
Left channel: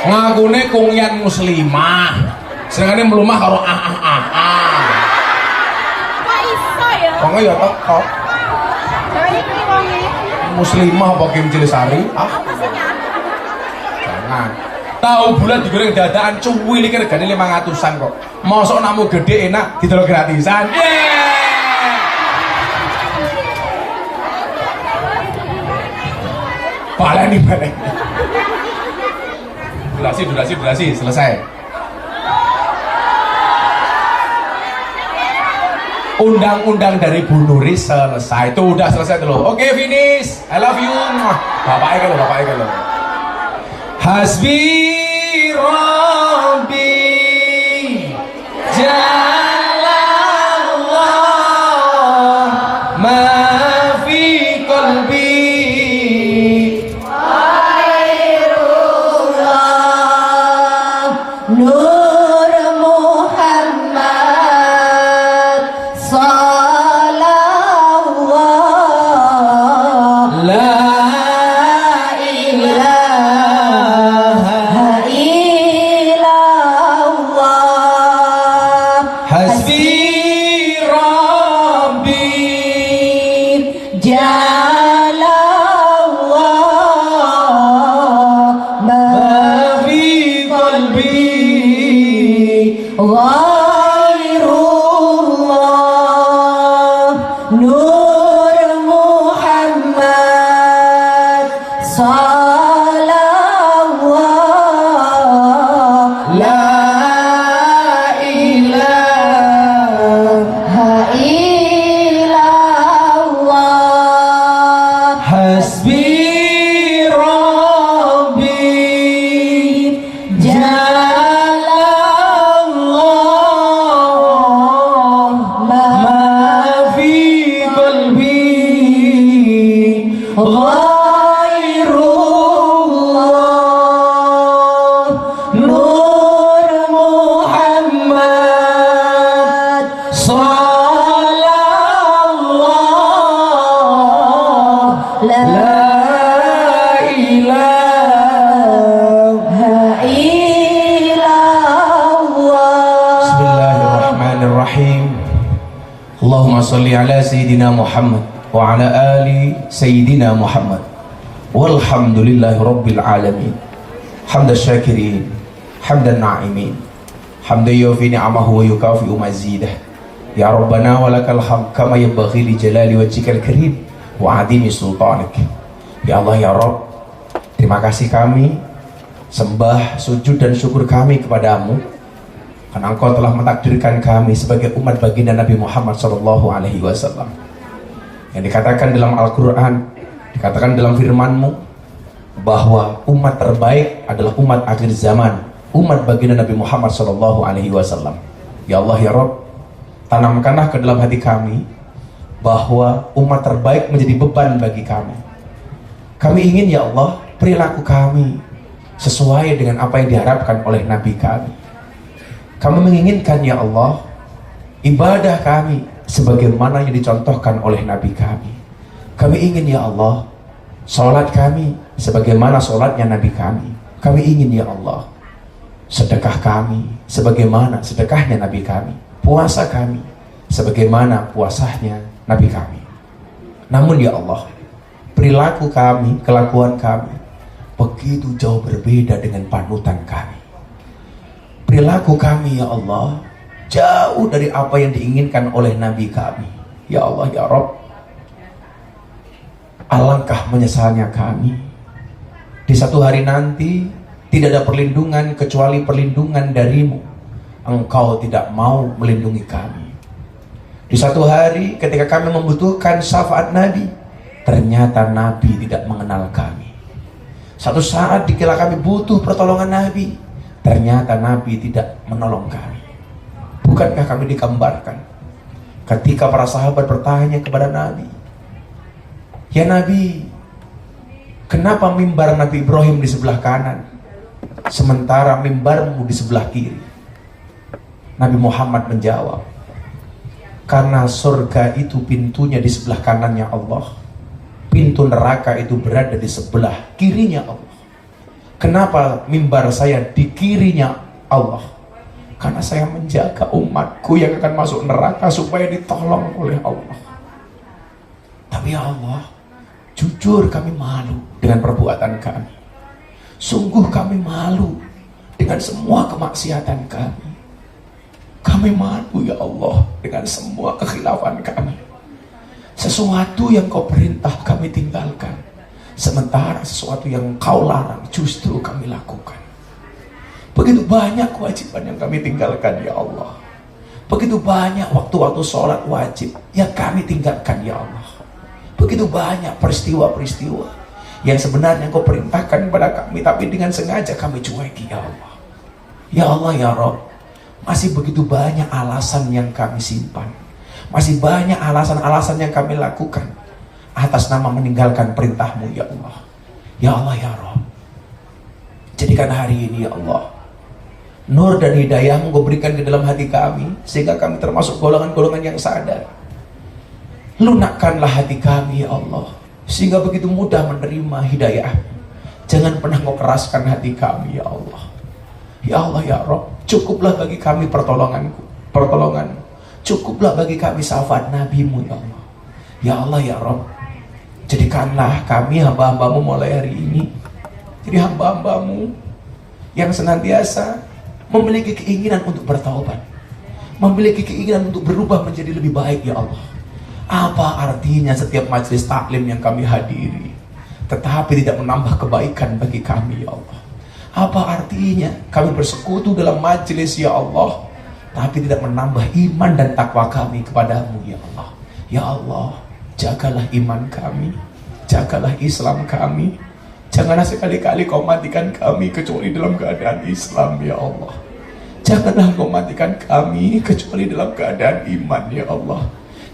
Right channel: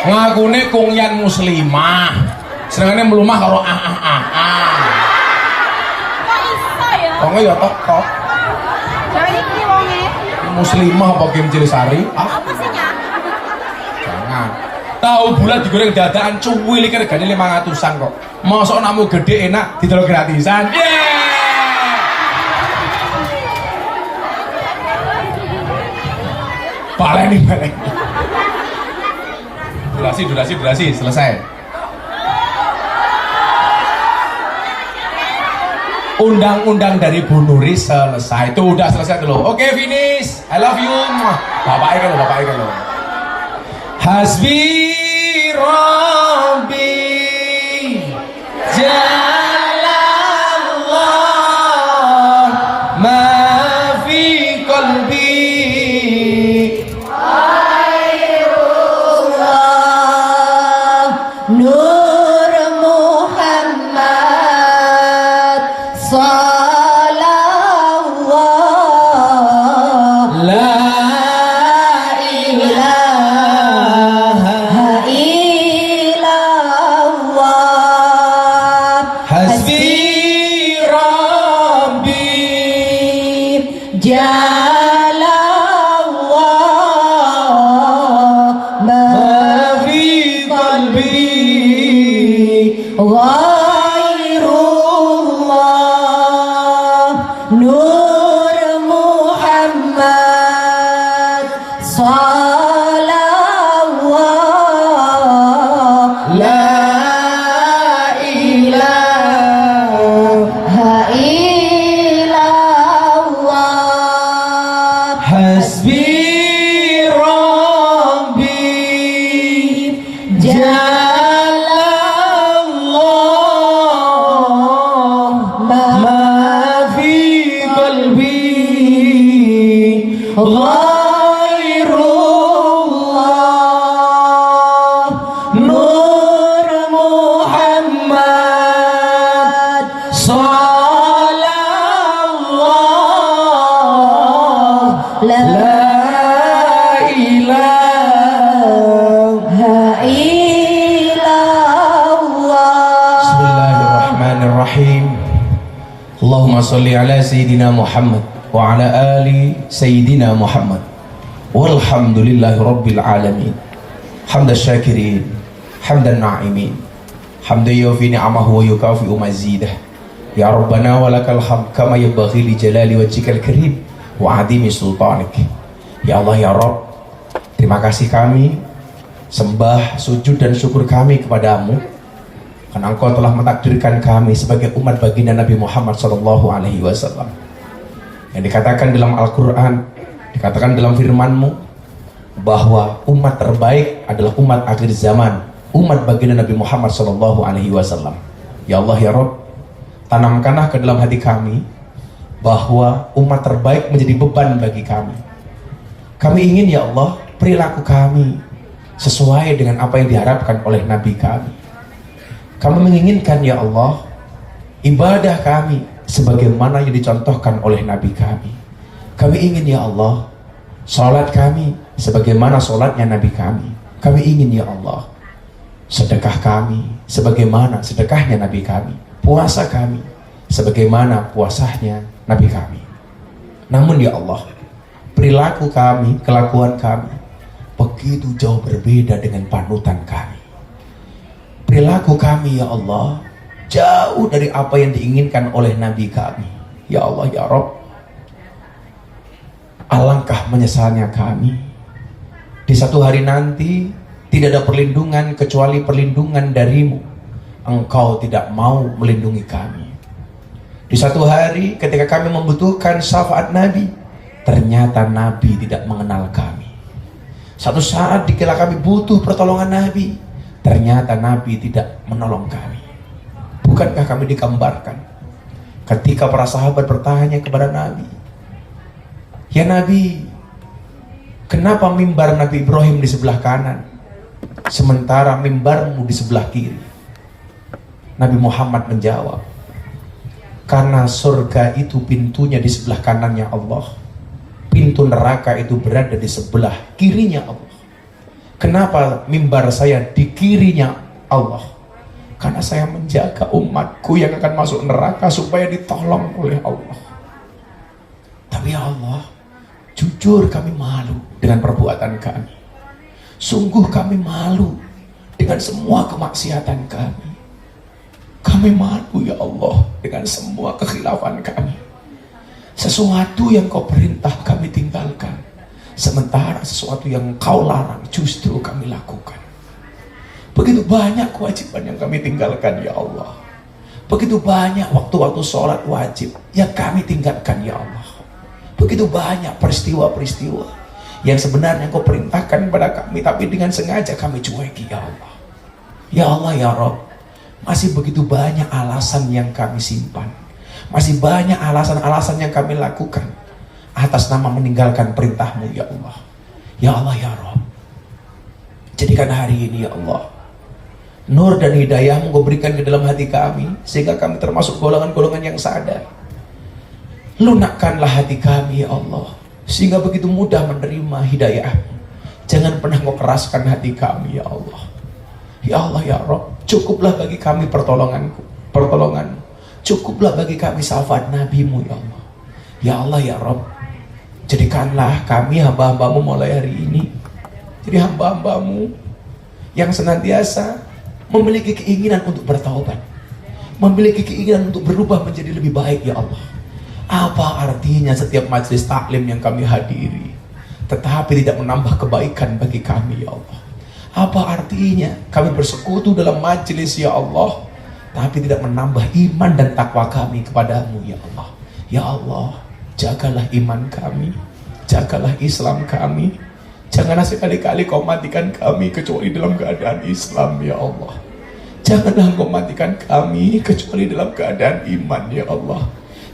Ngakune kungyan muslimah, sedangkan melumah kalau Kok iso ya? Kok ya tok. Muslimah apa Kim Cilisari? Apa sih ya? Jangan. Tahu bulan digoreng dadaan cuwili iki regane 500-an kok. Mosok namu gede enak didelok gratisan. Baleni. Durasi selesai. Undang-undang dari Bu Nuri selesai. Itu udah selesai tuh loh. Oke, finish. I love you. Bapaknya kan loh. Hasbi Rabbi Jalallah ma fi qalbi Nur Muhammad Sallallahu la Hasbi Rabbi Jalallah ma fi qalbi Ghairullah Nur Muhammad Sallallahu la Hasbi Rabbi Jalallah ma fi qalbi Ghairullah Nur Muhammad Sallallahu la ilaha illallah Bismillahirrahmanirrahim. Allahumma salli ala Sayyidina Muhammad wa ala ali Sayyidina Muhammad walhamdulillahi rabbil alamin hamdan syakirin hamdan na'imin hamdan yufi ni'amahu wa yukafi'u mazidah ya Rabbana walakal hamd kama yanbaghi li jalali wajhikal karim wa adimi sultanik. Ya Allah ya Rabb, terima kasih kami sembah, sujud dan syukur kami kepadamu karena Engkau telah mentakdirkan kami sebagai umat baginda Nabi Muhammad SAW. Yang dikatakan dalam Al-Quran, dikatakan dalam firman-Mu bahwa umat terbaik adalah umat akhir zaman, umat baginda Nabi Muhammad SAW. Ya Allah ya Rabb, tanamkanlah ke dalam hati kami bahwa umat terbaik menjadi beban bagi kami. Kami ingin ya Allah perilaku kami sesuai dengan apa yang diharapkan oleh Nabi kami. Kami menginginkan ya Allah ibadah kami sebagaimana yang dicontohkan oleh Nabi kami. Kami ingin ya Allah salat kami sebagaimana salatnya Nabi kami. Kami ingin ya Allah sedekah kami sebagaimana sedekahnya Nabi kami. Puasa kami sebagaimana puasanya Nabi kami. Namun ya Allah, perilaku kami, kelakuan kami begitu jauh berbeda dengan panutan kami. Perilaku kami ya Allah jauh dari apa yang diinginkan oleh Nabi kami. Ya Allah ya Rabb, alangkah menyesalnya kami di satu hari nanti tidak ada perlindungan kecuali perlindungan darimu. Engkau tidak mau melindungi kami. Di satu hari ketika kami membutuhkan syafaat Nabi, ternyata Nabi tidak mengenal kami. Satu saat dikala kami butuh pertolongan Nabi, ternyata Nabi tidak menolong kami. Bukankah kami digambarkan ketika para sahabat bertanya kepada Nabi, "Ya Nabi, kenapa mimbar Nabi Ibrahim di sebelah kanan sementara mimbarmu di sebelah kiri? Nabi Muhammad menjawab, karena surga itu pintunya di sebelah kanannya Allah, pintu neraka itu berada di sebelah kirinya Allah. Kenapa mimbar saya di kirinya Allah? Karena saya menjaga umatku yang akan masuk neraka supaya ditolong oleh Allah. Tapi ya Allah, jujur kami malu dengan perbuatan kami. Sungguh kami malu dengan semua kemaksiatan kami. Kami malu ya Allah dengan semua kekhilafan kami. Sesuatu yang kau perintah kami tinggalkan, sementara sesuatu yang kau larang justru kami lakukan. Begitu banyak kewajiban yang kami tinggalkan ya Allah. Begitu banyak waktu-waktu sholat wajib yang kami tinggalkan ya Allah. Begitu banyak peristiwa-peristiwa yang sebenarnya kau perintahkan kepada kami, tapi dengan sengaja kami cueki ya Allah. Ya Allah ya Rabb, masih begitu banyak alasan yang kami simpan, masih banyak alasan-alasan yang kami lakukan atas nama meninggalkan perintahmu ya Allah. Ya Allah ya Rabb, jadikan hari ini ya Allah nur dan hidayahmu kau berikan ke dalam hati kami, sehingga kami termasuk golongan-golongan yang sadar. Lunakkanlah hati kami ya Allah, sehingga begitu mudah menerima hidayahmu. Jangan pernah kau keraskan hati kami ya Allah. Ya Allah ya Rabb, cukuplah bagi kami pertolongan. Cukuplah bagi kami syafaat nabimu ya Allah. Ya Allah ya Rabb, jadikanlah kami hamba-hambamu mulai hari ini jadi hamba-hambamu yang senantiasa memiliki keinginan untuk bertaubat, memiliki keinginan untuk berubah menjadi lebih baik ya Allah. Apa artinya setiap majelis taklim yang kami hadiri tetapi tidak menambah kebaikan bagi kami ya Allah? Apa artinya kami bersekutu dalam majelis ya Allah tapi tidak menambah iman dan takwa kami kepadamu ya Allah? Ya Allah, jagalah iman kami, jagalah Islam kami. Janganlah sekali-kali kau matikan kami kecuali dalam keadaan Islam ya Allah. Janganlah kau matikan kami kecuali dalam keadaan iman ya Allah.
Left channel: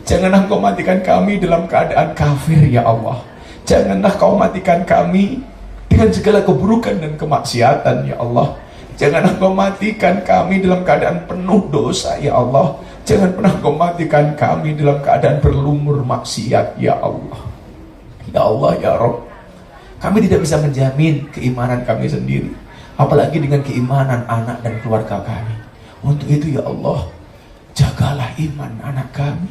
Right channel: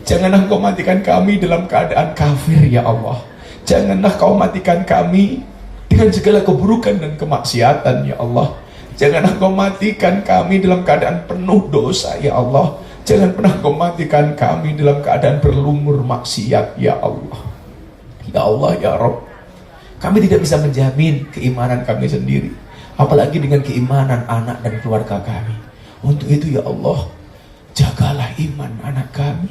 Janganlah kau matikan kami dalam keadaan kafir ya Allah. Janganlah kau matikan kami dengan segala keburukan dan kemaksiatan ya Allah. Janganlah kau matikan kami dalam keadaan penuh dosa ya Allah. Jangan pernah kau matikan kami dalam keadaan berlumur maksiat ya Allah. Ya Allah ya Rabb, kami tidak bisa menjamin keimanan kami sendiri, apalagi dengan keimanan anak dan keluarga kami. Untuk itu ya Allah, jagalah iman anak kami,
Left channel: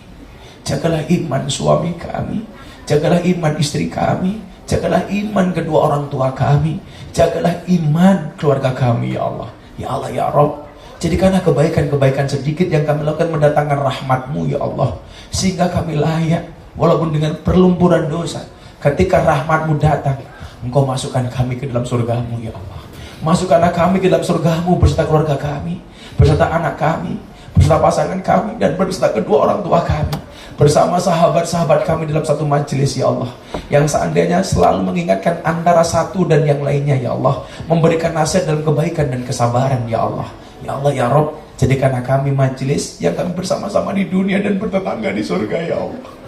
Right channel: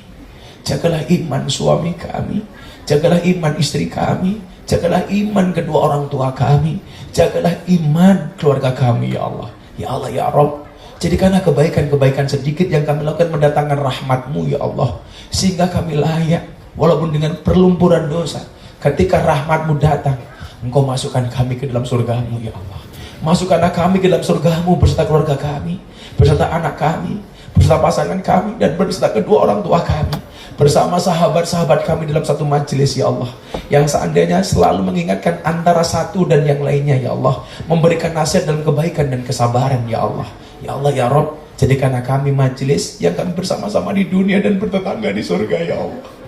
jagalah iman suami kami, jagalah iman istri kami, jagalah iman kedua orang tua kami, jagalah iman keluarga kami ya Allah. Ya Allah ya Rabb, jadikanlah kebaikan-kebaikan sedikit yang kami lakukan mendatangkan rahmat-Mu ya Allah, sehingga kami layak walaupun dengan perlumpuran dosa. Ketika rahmat-Mu datang, Engkau masukkan kami ke dalam surga-Mu ya Allah. Masukkanlah kami ke dalam surga-Mu beserta keluarga kami, beserta anak kami, beserta pasangan kami, dan beserta kedua orang tua kami, bersama sahabat-sahabat kami dalam satu majelis ya Allah, yang seandainya selalu mengingatkan antara satu dan yang lainnya ya Allah, memberikan nasihat dalam kebaikan dan kesabaran ya Allah. Ya Allah ya Rabb, jadikanlah kami majelis yang kami bersama-sama di dunia dan bertetangga di surga ya Allah.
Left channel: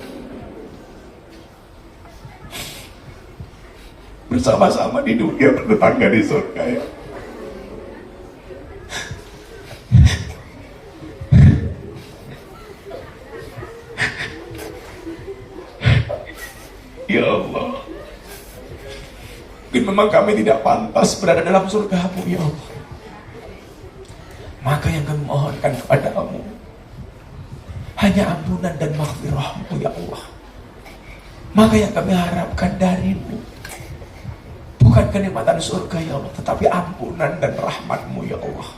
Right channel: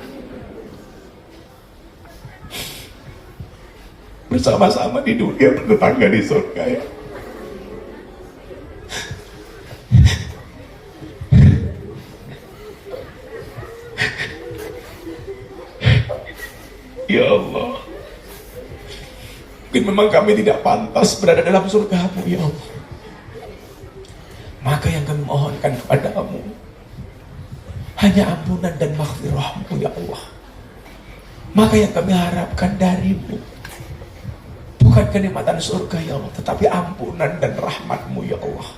Bersama-sama di dunia, bertetangga di surga ya. Ya Allah, mungkin memang kami tidak pantas berada dalam surga-Mu ya Allah. Maka yang kami mohonkan kepadamu hanya ampunan dan maghfirah-Mu ya Allah. Maka yang kami harapkan darimu bukan kenikmatan surga ya Allah, tetapi ampunan dan rahmat-Mu ya Allah.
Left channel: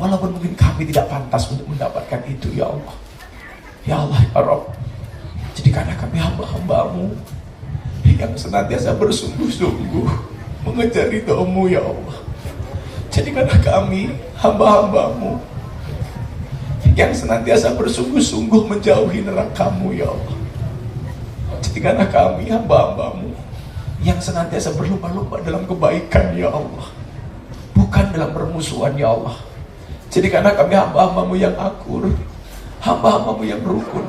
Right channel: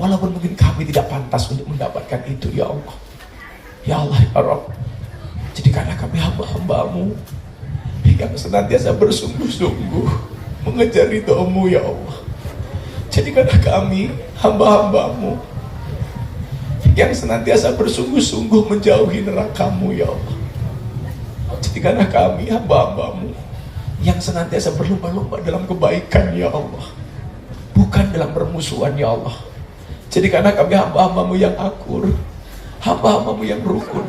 Walaupun mungkin kami tidak pantas untuk mendapatkan itu ya Allah. Ya Allah ya Rabb, jadikanlah kami hamba-hamba-Mu yang senantiasa bersungguh-sungguh mengejar ridho-Mu ya Allah. Jadikanlah kami hamba-hamba-Mu yang senantiasa bersungguh-sungguh menjauhi neraka-Mu ya Allah. Jadikanlah kami hamba-hamba-Mu yang senantiasa berlomba-lomba dalam kebaikan ya Allah, bukan dalam permusuhan ya Allah. Jadikanlah kami hamba-hamba-Mu yang akur, hamba-hamba-Mu yang rukun,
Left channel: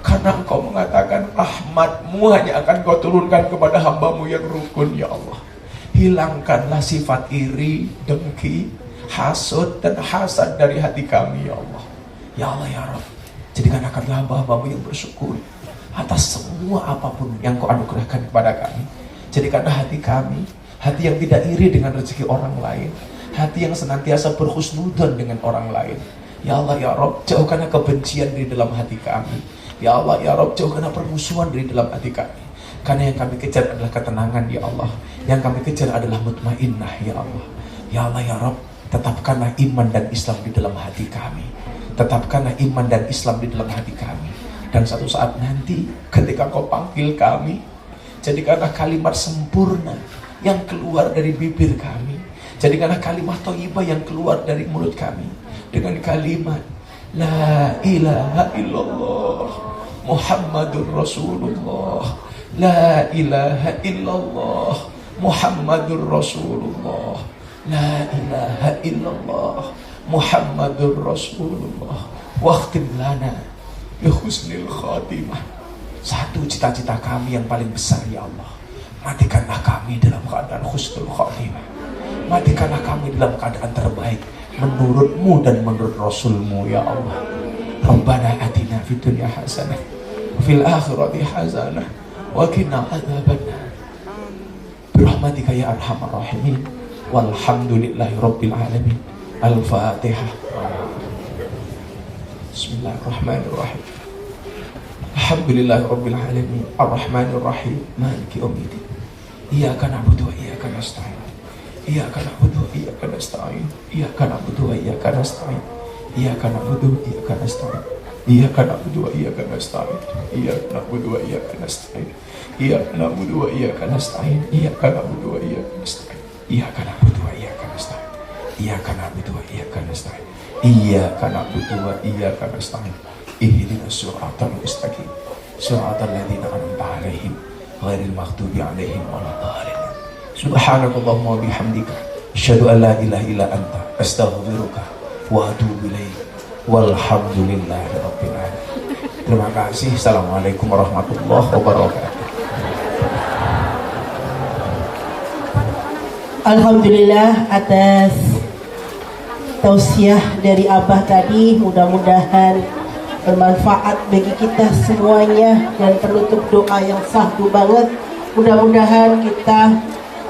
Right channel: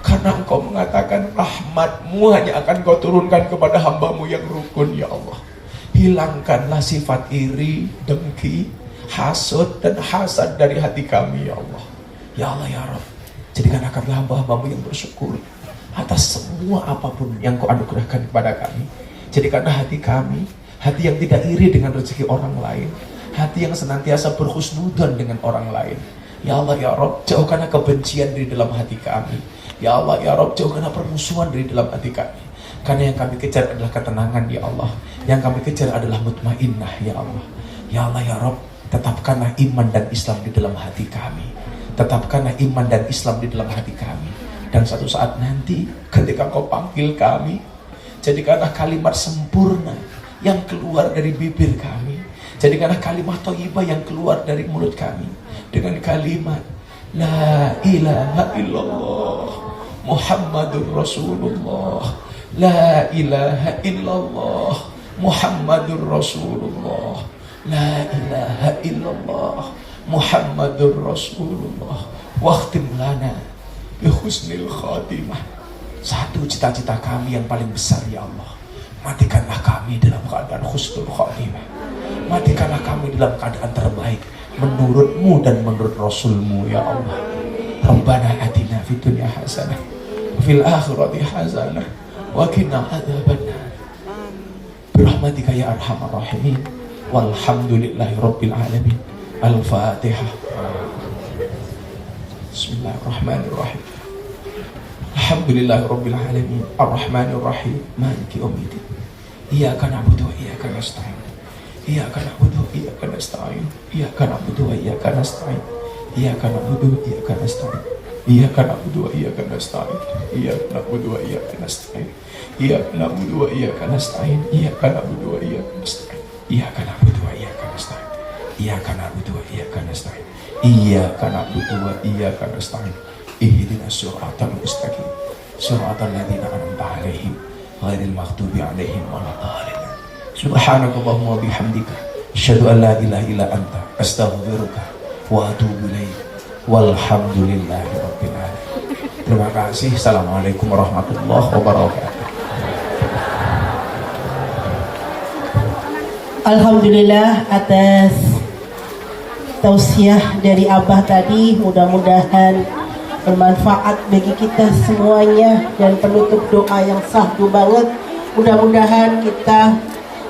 karena Karena Engkau mengatakan rahmat-Mu hanya akan Kau turunkan kepada hamba-Mu yang rukun, ya Allah. Hilangkanlah sifat iri, dengki, hasud dan hasad dari hati kami, ya Allah. Ya Allah ya Rabb, jadikanlah kami hamba-hamba-Mu yang bersyukur atas semua apapun yang Kau anugerahkan kepada kami. Jadikanlah hati kami hati yang tidak iri dengan rezeki orang lain, hati yang senantiasa berhusnudzon dengan orang lain. Ya Allah ya Rabb, jauhkanlah kebencian dari dalam hati kami. Ya Allah ya Rabb, jauhkanlah permusuhan dari dalam hati kami. Karena yang kami kejar adalah ketenangan, ya Allah. Yang kami kejar adalah mutmainnah, ya Allah. Ya Allah ya Rabb, tetapkanlah iman dan Islam di dalam hati kami. Tetapkanlah iman dan Islam di dalam hati kami. Dan satu saat nanti ketika Kau panggil kami, jadikanlah kalimat sempurna yang keluar dari bibir kami. Jadikanlah kalimat thayyibah yang keluar dari mulut kami dengan kalimat La ilaha illallah Muhammadur Rasulullah. La ilaha illallah Muhammadur Rasulullah. La ilaha illallah Muhammadur Rasulullah. Waqtim lana bi husnil khatimah. Satu cita-cita kami yang paling besar, ya Allah, matikanlah kami dalam keadaan husnul khatimah. Matikanlah kami dalam keadaan terbaik menurut-Mu dan menurut Rasul-Mu, ya Allah. Rabbana atina fid dunya hasanah wa fil akhirati hasanah wa qina adzabannar. Birahmatika ya arhamar rahimin. Walhamdulillahi rabbil alamin. Al-Fatihah. Bismillahirrahmanirrahim. Alhamdulillahi rabbil alamin. Ar-Rahmanir Rahim. Maliki yaumiddin. Iyyaka na'budu wa iyyaka nasta'in. Iyyaka na'budu wa iyyaka nasta'in. Iyyaka na'budu wa iyyaka nasta'in. Iyyaka na'budu wa iyyaka nasta'in. Iyyaka na'budu wa iyyaka nasta'in. Iyyaka na'budu wa iyyaka nasta'in. Iyyaka na'budu wa iyyaka nasta'in. Iyyaka na'budu wa iyyaka nasta'in. Iyyaka na'budu wa iyyaka nasta'in. Iyyaka na'budu wa iyyaka nasta'in. Iyyaka na'budu wa iyyaka nasta'in. Ihdinas siratal mustaqim. Siratal ladzina an'amta 'alaihim ghairil maghdubi 'alaihim waladdallin. Subhanakallahumma wa bihamdika asyhadu an la ilaha illa anta astaghfiruka wa atubu ilaik. Walhamdulillahi rabbil alamin. Terima kasih. Assalamualaikum warahmatullahi wabarakatuh. Alhamdulillah atas tausiah dari Abah tadi, mudah-mudahan bermanfaat bagi kita semuanya, dan penutup doa yang sahdu banget, mudah-mudahan kita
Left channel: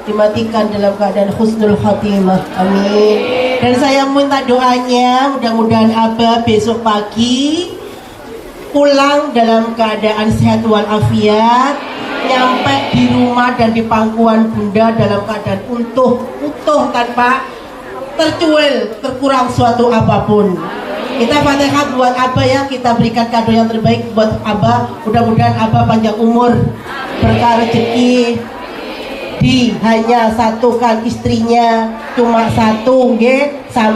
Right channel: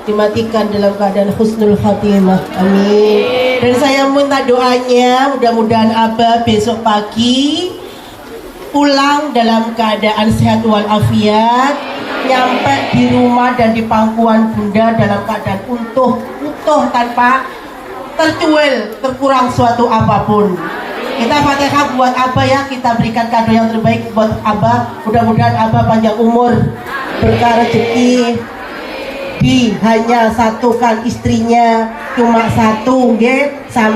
dimatikan dalam keadaan husnul khatimah, amin. Dan saya minta doanya, mudah-mudahan Abah besok pagi pulang dalam keadaan sehat walafiat, nyampe di rumah dan di pangkuan Bunda dalam keadaan utuh tanpa tercuil, terkurang suatu apapun. Kita Fatihah buat Abah ya, kita berikan kado yang terbaik buat Abah. Mudah-mudahan Abah panjang umur, berkah rezeki, hanya satukan istrinya cuma satu, sampai